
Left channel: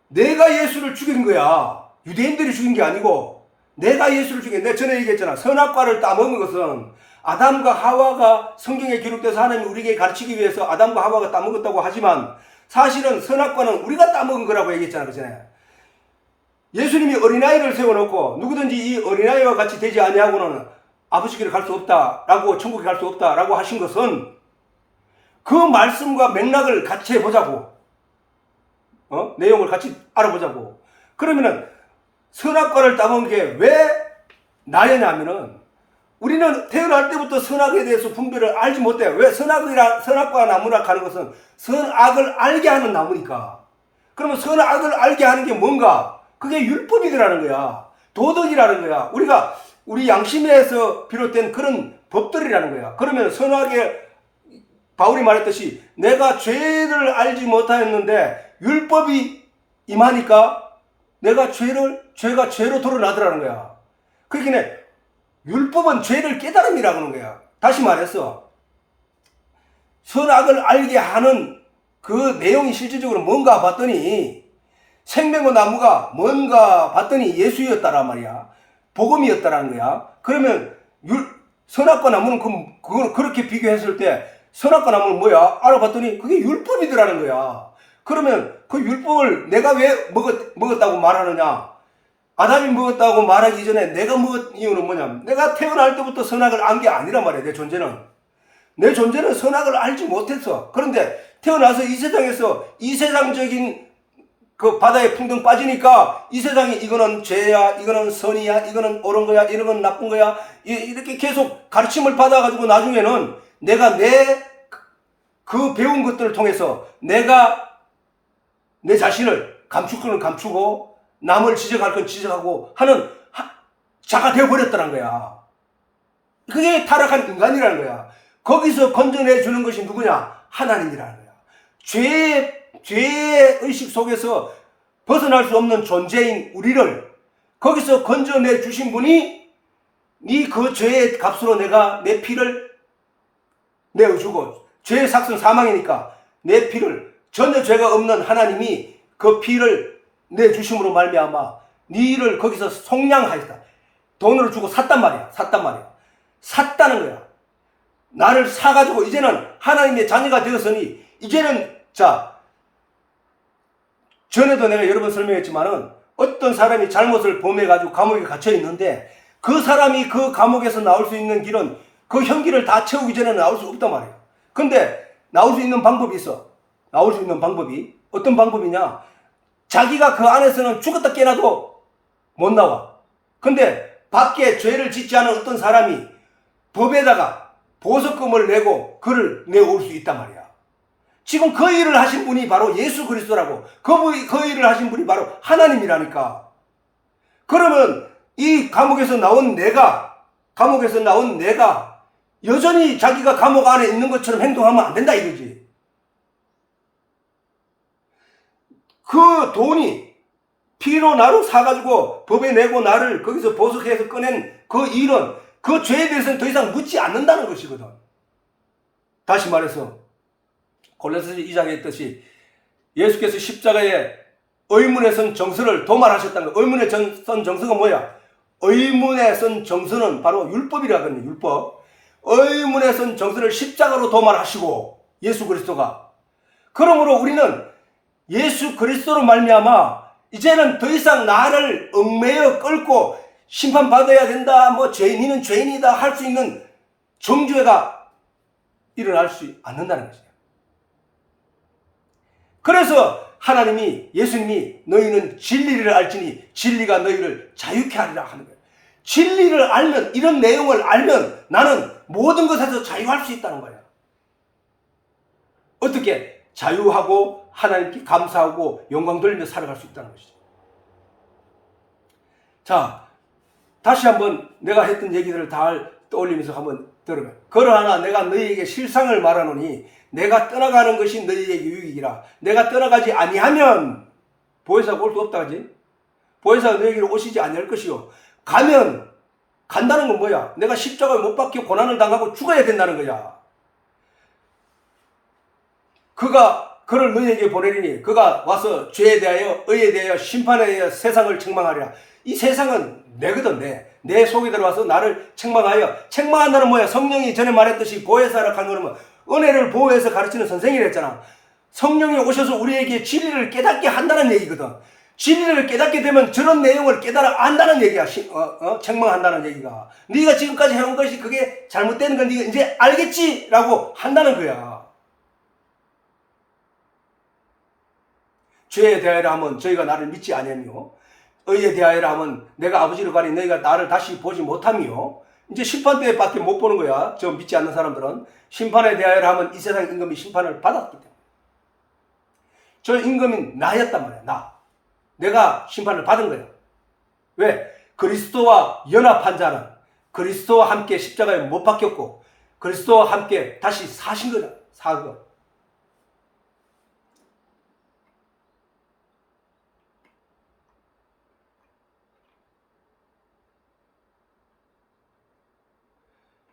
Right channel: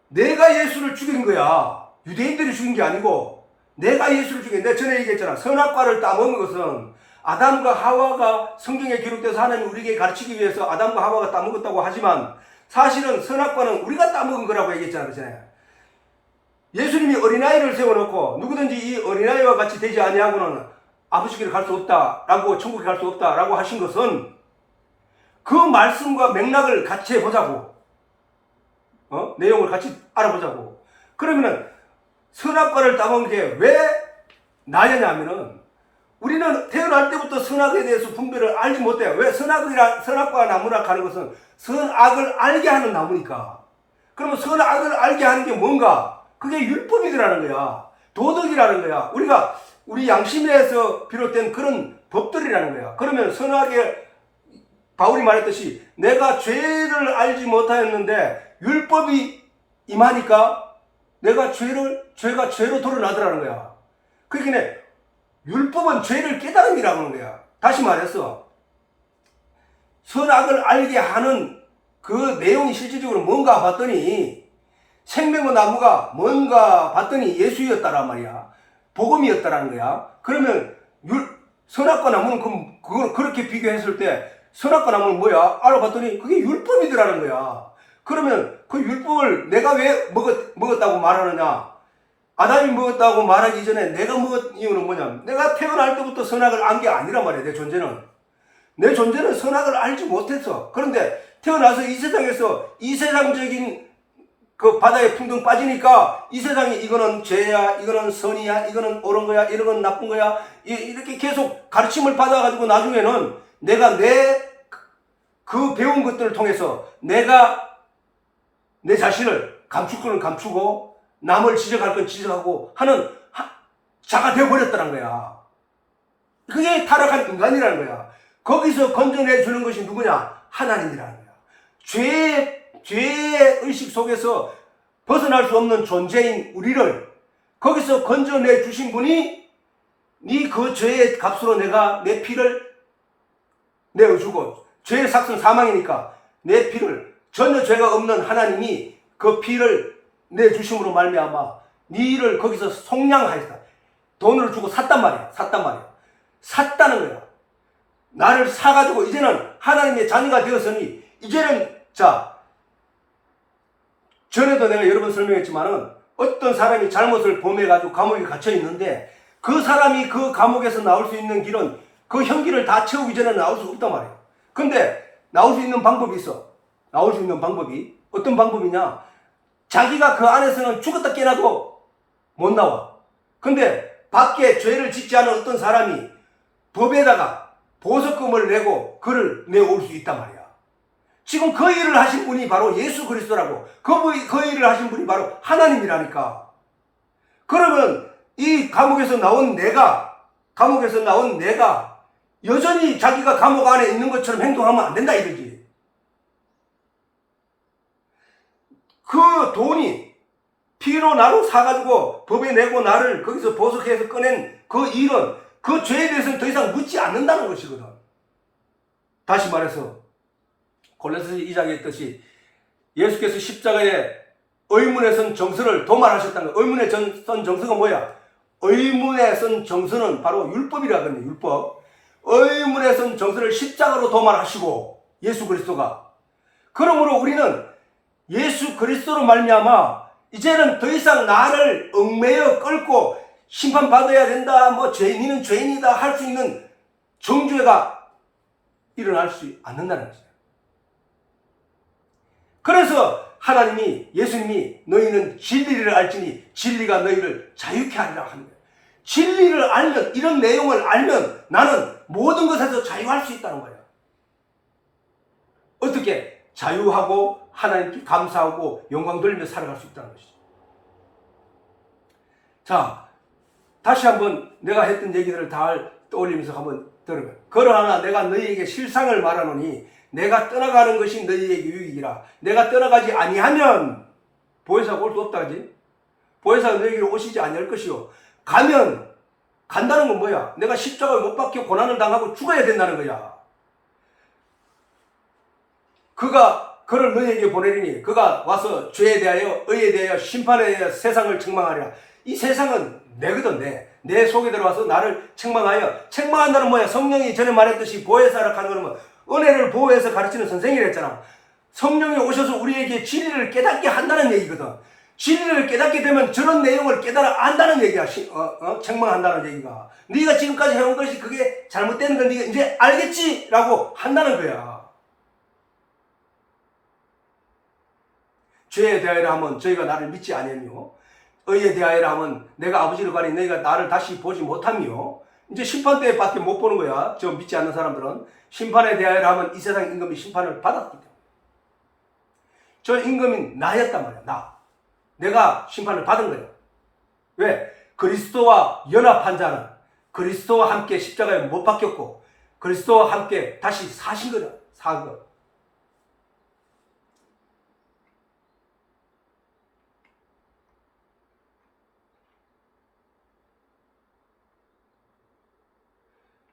내가 예수를 죽인 거야. 유대인들이 죽인 게 아니고 내가 예수를 죽인. 내가 전에 얘기했잖아. 선악과를 따먹은 것은 아담과 하와가 성경에 기록돼서 하나님이 우리에게 가르치기 위해서 아담과 하와가 따먹었다고 하지만 사실은 선악과는 우리가 따먹은 거라고 얘기했잖아. 그전에. 예수님이 어린아이를 세워놓고 누구든지 이 어린아이와 같이 되지 아니하고는 아버지께로 갈 수 없다라고, 천국에 갈 수 없다라고 하신 것은 그 말씀과 맥락을 같이 해보자고. 내용을 같이 알아보자고. 그러면은 선악과를 따먹은 게 왜 나였냐 하면은 우리는 태어날 때부터 선악에 대해서 분별을 알지 못해요. 왜? 선악과 나무라 하는 것은 선악을 알게 하는 나무니까. 그러면 선악을 알게 하는 게 뭔가? 그게 율법이라는 거야. 도덕이라는 거야. 우리 양심에서 비롯된 그런 법들이라는 거야. 그러면 선악에 바울이 말했듯이 내가 죄를 알지 못하였는데 율법이 임하니까 내가 죄가 죄로 드러나더라는 거야. 그러니까 율법은 죄를 깨달음이라고 하는 거야. 다시 말해서 선악을 알게 하는 그 내용이 실질적으로 뭔가 봤더니 생명의 나무가 뭔가 봤더니 예수였다란 말이야. 복음이었다라는 거야. 그러면 선악과 나무는 그걸 그렇게 비교했을 때 선악과 나무는 뭐야? 알아봤더니 그게 율법이더라는 거야. 그러면 그 율법을 내가 왜 먹었다고 말하느냐? 아담이 먹었다고 말하기 전에 내가 먹은 이유는 뭐냐면 내가 태어날 때부터 선악을 안 게 아니란 말이야. 내 존재는 선악을 알지 못했어. 그런데 태어나서 이 세상에서 이 세상적인 그 바다에 풍덩 빠지니까 이 세상이 이거는 죄야, 이거는 선이야, 이거는 옳은 거야, 이런 건 나쁜 거야, 이렇게 계속 가르침을 받아가지고 나중에는 내가 그 배운 것들을 통해서 내가 내 자신을 감출 건 감추고 남을 지적할 건 지적하고 하는 자가 되어버렸다는 거야. 그게 타락한 인간이라는 거야. 거기서 건져내주는 것이 누구냐? 하나님이라는 거야. 죄의 의식 속에서 벗어날 수 없는 존재인 우리를 거기서 건져내 주신 분이 네 그 죄의 값으로 내가 내 피를 내어주고 죄의 삭은 사망이니까 내 피를 전혀 죄가 없는 하나님이 그 피를 내주심으로 말미암아 네를 거기서 속량하였다. 돈을 주고 샀단 말이야. 샀다는 거야. 나를 사가지고 이제는 하나님의 자녀가 되었으니 이제는 전에도 내가 여러 번 설명했지만은 어떤 사람이 잘못을 범해가지고 감옥에 갇혀 있는데 그 사람이 그 감옥에서 나올 수 있는 길은 그 형기를 다 채우기 전에는 나올 수 없단 말이야. 근데 나올 수 있는 방법이 있어. 나올 수 있는 방법이 어떤 방법이냐? 자기가 그 안에서는 죽었다 깨나도 못 나와. 근데 밖에 죄를 짓지 않은 어떤 사람이 법에다가 보석금을 내고 그를 내올 수 있단 말이야. 지금 그 일을 하신 분이 바로 예수 그리스도라고. 그 일을 하신 분이 바로 하나님이라니까. 그러면 이 감옥에서 나온 내가 여전히 자기가 감옥 안에 있는 것처럼 행동하면 안 된다 이거지. 그 돈이 피로 나로 사가지고 법에 내고 나를 거기서 보석해서 꺼낸 그 일은 그 죄에 대해서는 더 이상 묻지 않는다는 것이거든. 다시 말해서 골로새서 2장에 했듯이 예수께서 십자가에 의문에 선 정서를 도말하셨다는 거야. 의문에 선 정서가 뭐야? 의문에 선 정서는 바로 율법이라거든요. 율법. 의문에 선 정서를 십자가로 도말하시고 예수 그리스도가. 그러므로 우리는 예수 그리스도로 말미암아 이제는 더 이상 나를 얽매여 끌고 심판받아야 된다. 니는 죄인이다 할 수 있는 정죄가 일어날 수 않는다는 거죠. 그래서 예수님이 너희는 진리를 알지니 진리가 너희를 자유케 하리라 하는 거예요. 진리를 알면, 이런 내용을 알면 나는 모든 것에서 자유할 수 있다는 거예요. 어떻게? 자유하고 하나님께 감사하고 영광 돌리며 살아갈 수 있다는 것이죠. 자, 다시 한번 내가 했던 얘기들을 다 떠올리면서 한번 들어봐요. 그러하나 내가 너희에게 실상을 말하노니 내가 떠나가는 것이 너희에게 유익이라. 내가 떠나가지 아니하면 보혜사가 올 수 없다 하지. 보혜사가 너희에게 오시지 아니할 것이요. 간다는 건 뭐야? 내가 십자가에 못 박혀 고난을 당하고 죽어야 된다는 거야. 그를 너희에게 보내리니 그가 와서 죄에 대하여 의에 대하여 심판에 대하여 세상을 책망하리라. 이 세상은 내거든. 내 속에 들어와서 나를 책망한다는 뭐야? 성령이 전에 말했듯이 보혜사라 한 거는 뭐 은혜를 보호해서 가르치는 선생이라 했잖아. 성령이 오셔서 우리에게 진리를 깨닫게 한다는 얘기거든. 진리를 깨닫게 되면 저런 내용을 깨달아 안다는 얘기야. 책망한다는 얘기가. 네가 지금까지 해온 것이 그게 잘못되는 건 네가 이제 알겠지라고 한다는 거야. 죄에 대하여라 하면 저희가 나를 믿지 아니하며, 의에 대하여라 하면 내가 아버지를 가니 너희가 나를 다시 보지 못하며, 이제 심판대에 밖에 못 보는 거야. 저 믿지 않는 사람들은. 심판에 대하여라 하면 이 세상 임금이 심판을 받았기 때문에. 저 임금이 나였단 말이야. 내가 심판을 받은 거야. 왜? 그리스도와 연합한 자는 그리스도와 함께 십자가에 못 박혔고 그리스도와 함께 다시 사신 거야. 사거.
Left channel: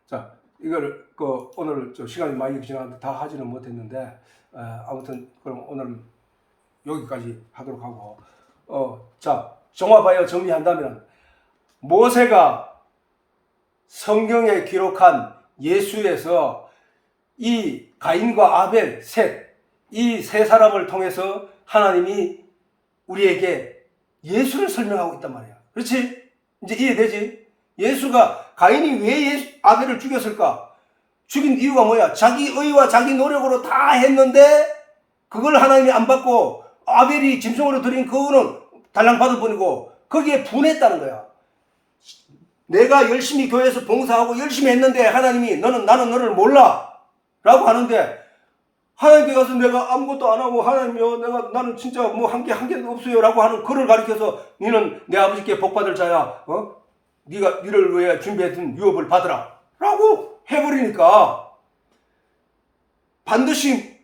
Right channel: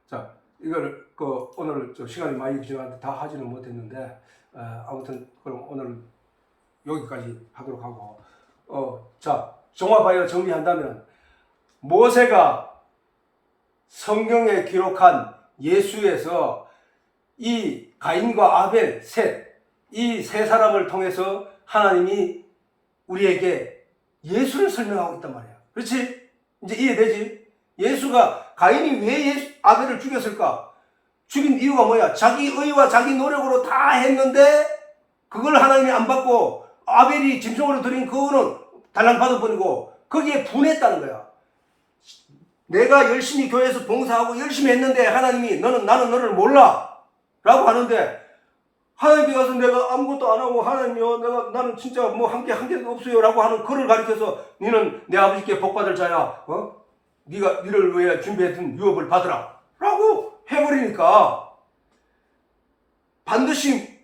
자, 이걸 오늘 시간이 많이 지나는데 다 하지는 못했는데 아무튼 그럼 오늘 여기까지 하도록 하고 자, 종합하여 정리한다면 모세가 성경에 기록한 예수에서 이 가인과 아벨 이 세 사람을 통해서 하나님이 우리에게 예수를 설명하고 있단 말이야. 그렇지? 이제 이해되지? 예수가 가인이 왜 아벨을 죽였을까? 죽인 이유가 뭐야? 자기 의와 자기 노력으로 다 했는데 그걸 하나님이 안 받고 아벨이 짐승으로 드린 그거는 달랑 받아버리고 거기에 분했다는 거야. 내가 열심히 교회에서 봉사하고 열심히 했는데 하나님이 나는 너를 몰라 라고 하는데 하나님께 가서 내가 아무것도 안 하고 하나님이요 나는 진짜 뭐 한 개도 없어요 라고 하는 그를 가리켜서 너는 내 아버지께 복받을 자야. 네가 너를 위해 준비했던 유업을 받으라 라고 해버리니까 반드시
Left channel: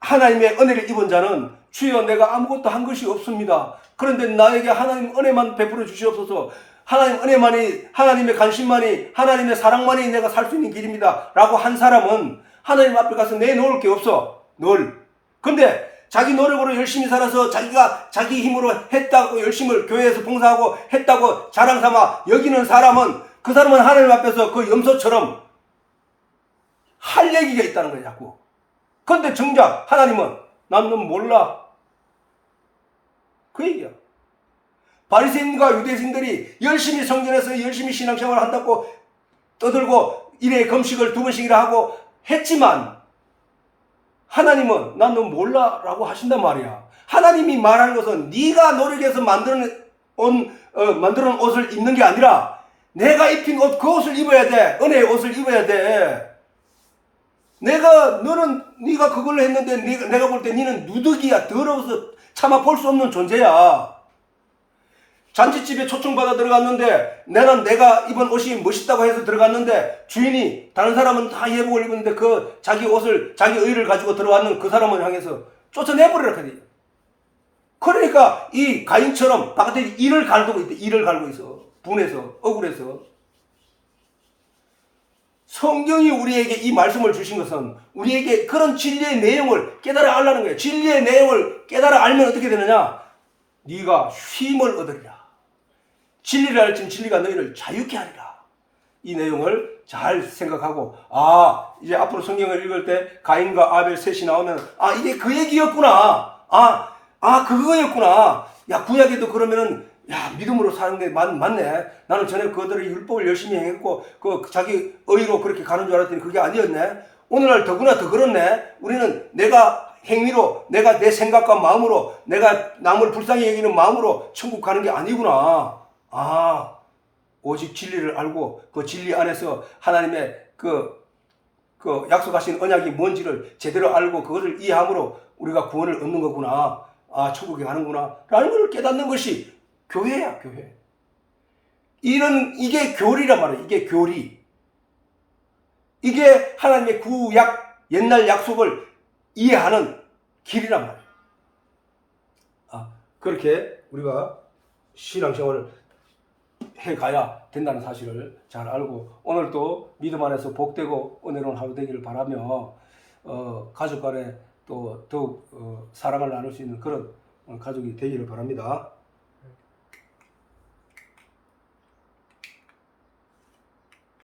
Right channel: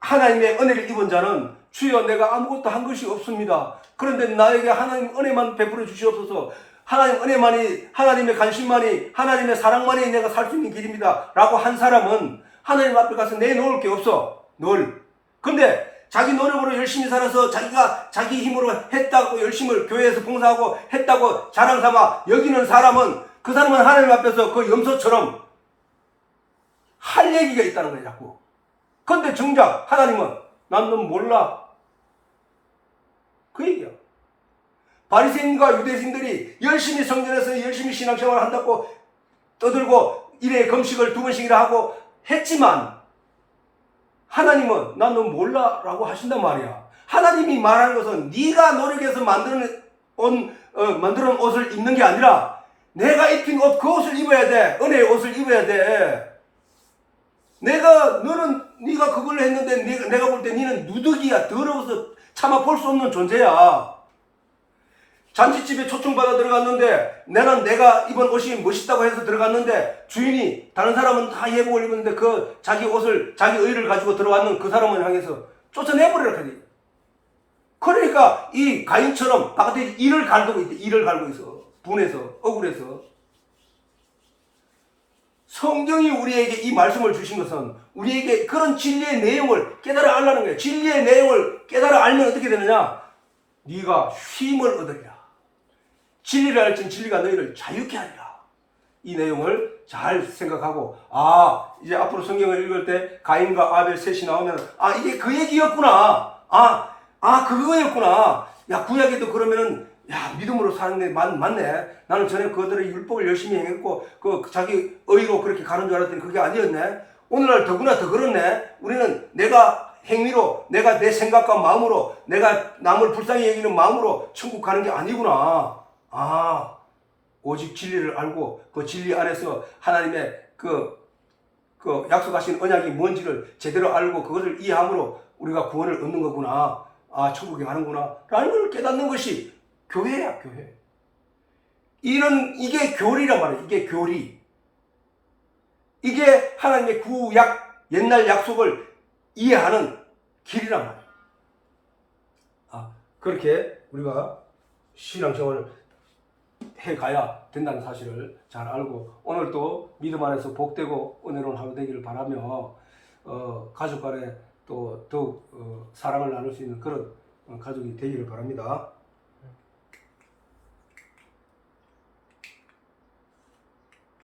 하나님의 은혜를 입은 자는 주여 내가 아무것도 한 것이 없습니다. 그런데 나에게 하나님 은혜만 베풀어 주시옵소서. 하나님 은혜만이, 하나님의 관심만이, 하나님의 사랑만이 내가 살 수 있는 길입니다 라고 한 사람은 하나님 앞에 가서 내놓을 게 없어. 근데 자기 노력으로 열심히 살아서 자기가 자기 힘으로 했다고 열심히 교회에서 봉사하고 했다고 자랑삼아 여기는 사람은 그 사람은 하나님 앞에서 그 염소처럼 할 얘기가 있다는 거야 자꾸. 그런데 정작 하나님은 난 넌 몰라 그 얘기야. 바리새인과 유대인들이 열심히 성전에서 열심히 신앙생활을 한다고 떠들고 일회 금식을 2번씩이나 하고 했지만 하나님은 난 넌 몰라 라고 하신단 말이야. 하나님이 말하는 것은 네가 노력해서 만드는 옷을 입는 게 아니라 내가 입힌 옷 그 옷을 입어야 돼. 은혜의 옷을 입어야 돼. 네가 그걸 했는데 내가 볼 때 너는 누더기야. 더러워서 차마 볼 수 없는 존재야. 잔치집에 초청받아 들어갔는데 내가 입은 옷이 멋있다고 해서 들어갔는데 주인이 다른 사람은 다 예복을 입었는데 그 자기 옷을 자기 의를 가지고 들어왔는 그 사람을 향해서 쫓아내버리라 그래. 그러니까 이 가인처럼 바깥에 이를 갈고 있어. 분해서 억울해서. 성경이 우리에게 이 말씀을 주신 것은 우리에게 그런 진리의 내용을 깨달아 알라는 거예요. 진리의 내용을 깨달아 알면 어떻게 되느냐? 네가 쉼을 얻으리라. 진리를 알지만 진리가 너희를 자유케 하리라. 이 내용을 잘 생각하고 이제 앞으로 성경을 읽을 때 가인과 아벨 셋이 나오면 이게 그 얘기였구나. 그거였구나. 야 구약에도 그러면은 믿음으로 사는데 맞네. 나는 전에 그들의 율법을 열심히 행했고 자기 의로 그렇게 가는 줄 알았더니 그게 아니었네. 오늘날 더구나 더 그렇네. 우리는 내가 행위로 내가 내 생각과 마음으로 내가 남을 불쌍히 여기는 마음으로 천국 가는 게 아니구나. 오직 진리를 알고 그 진리 안에서 하나님의 그 약속하신 언약이 뭔지를 제대로 알고 그것을 이해함으로 우리가 구원을 얻는 거구나. 천국에 가는구나. 라는 걸 깨닫는 것이 교회야, 교회. 이게 교리란 말이야. 이게 교리. 이게 하나님의 구약, 옛날 약속을 이해하는 길이란 말이야. 그렇게 우리가 신앙생활을 해가야 된다는 사실을 잘 알고 오늘도 믿음 안에서 복되고 은혜로운 하루 되기를 바라며 가족 간에 또 더욱 사랑을 나눌 수 있는 그런 가족이 되기를 바랍니다.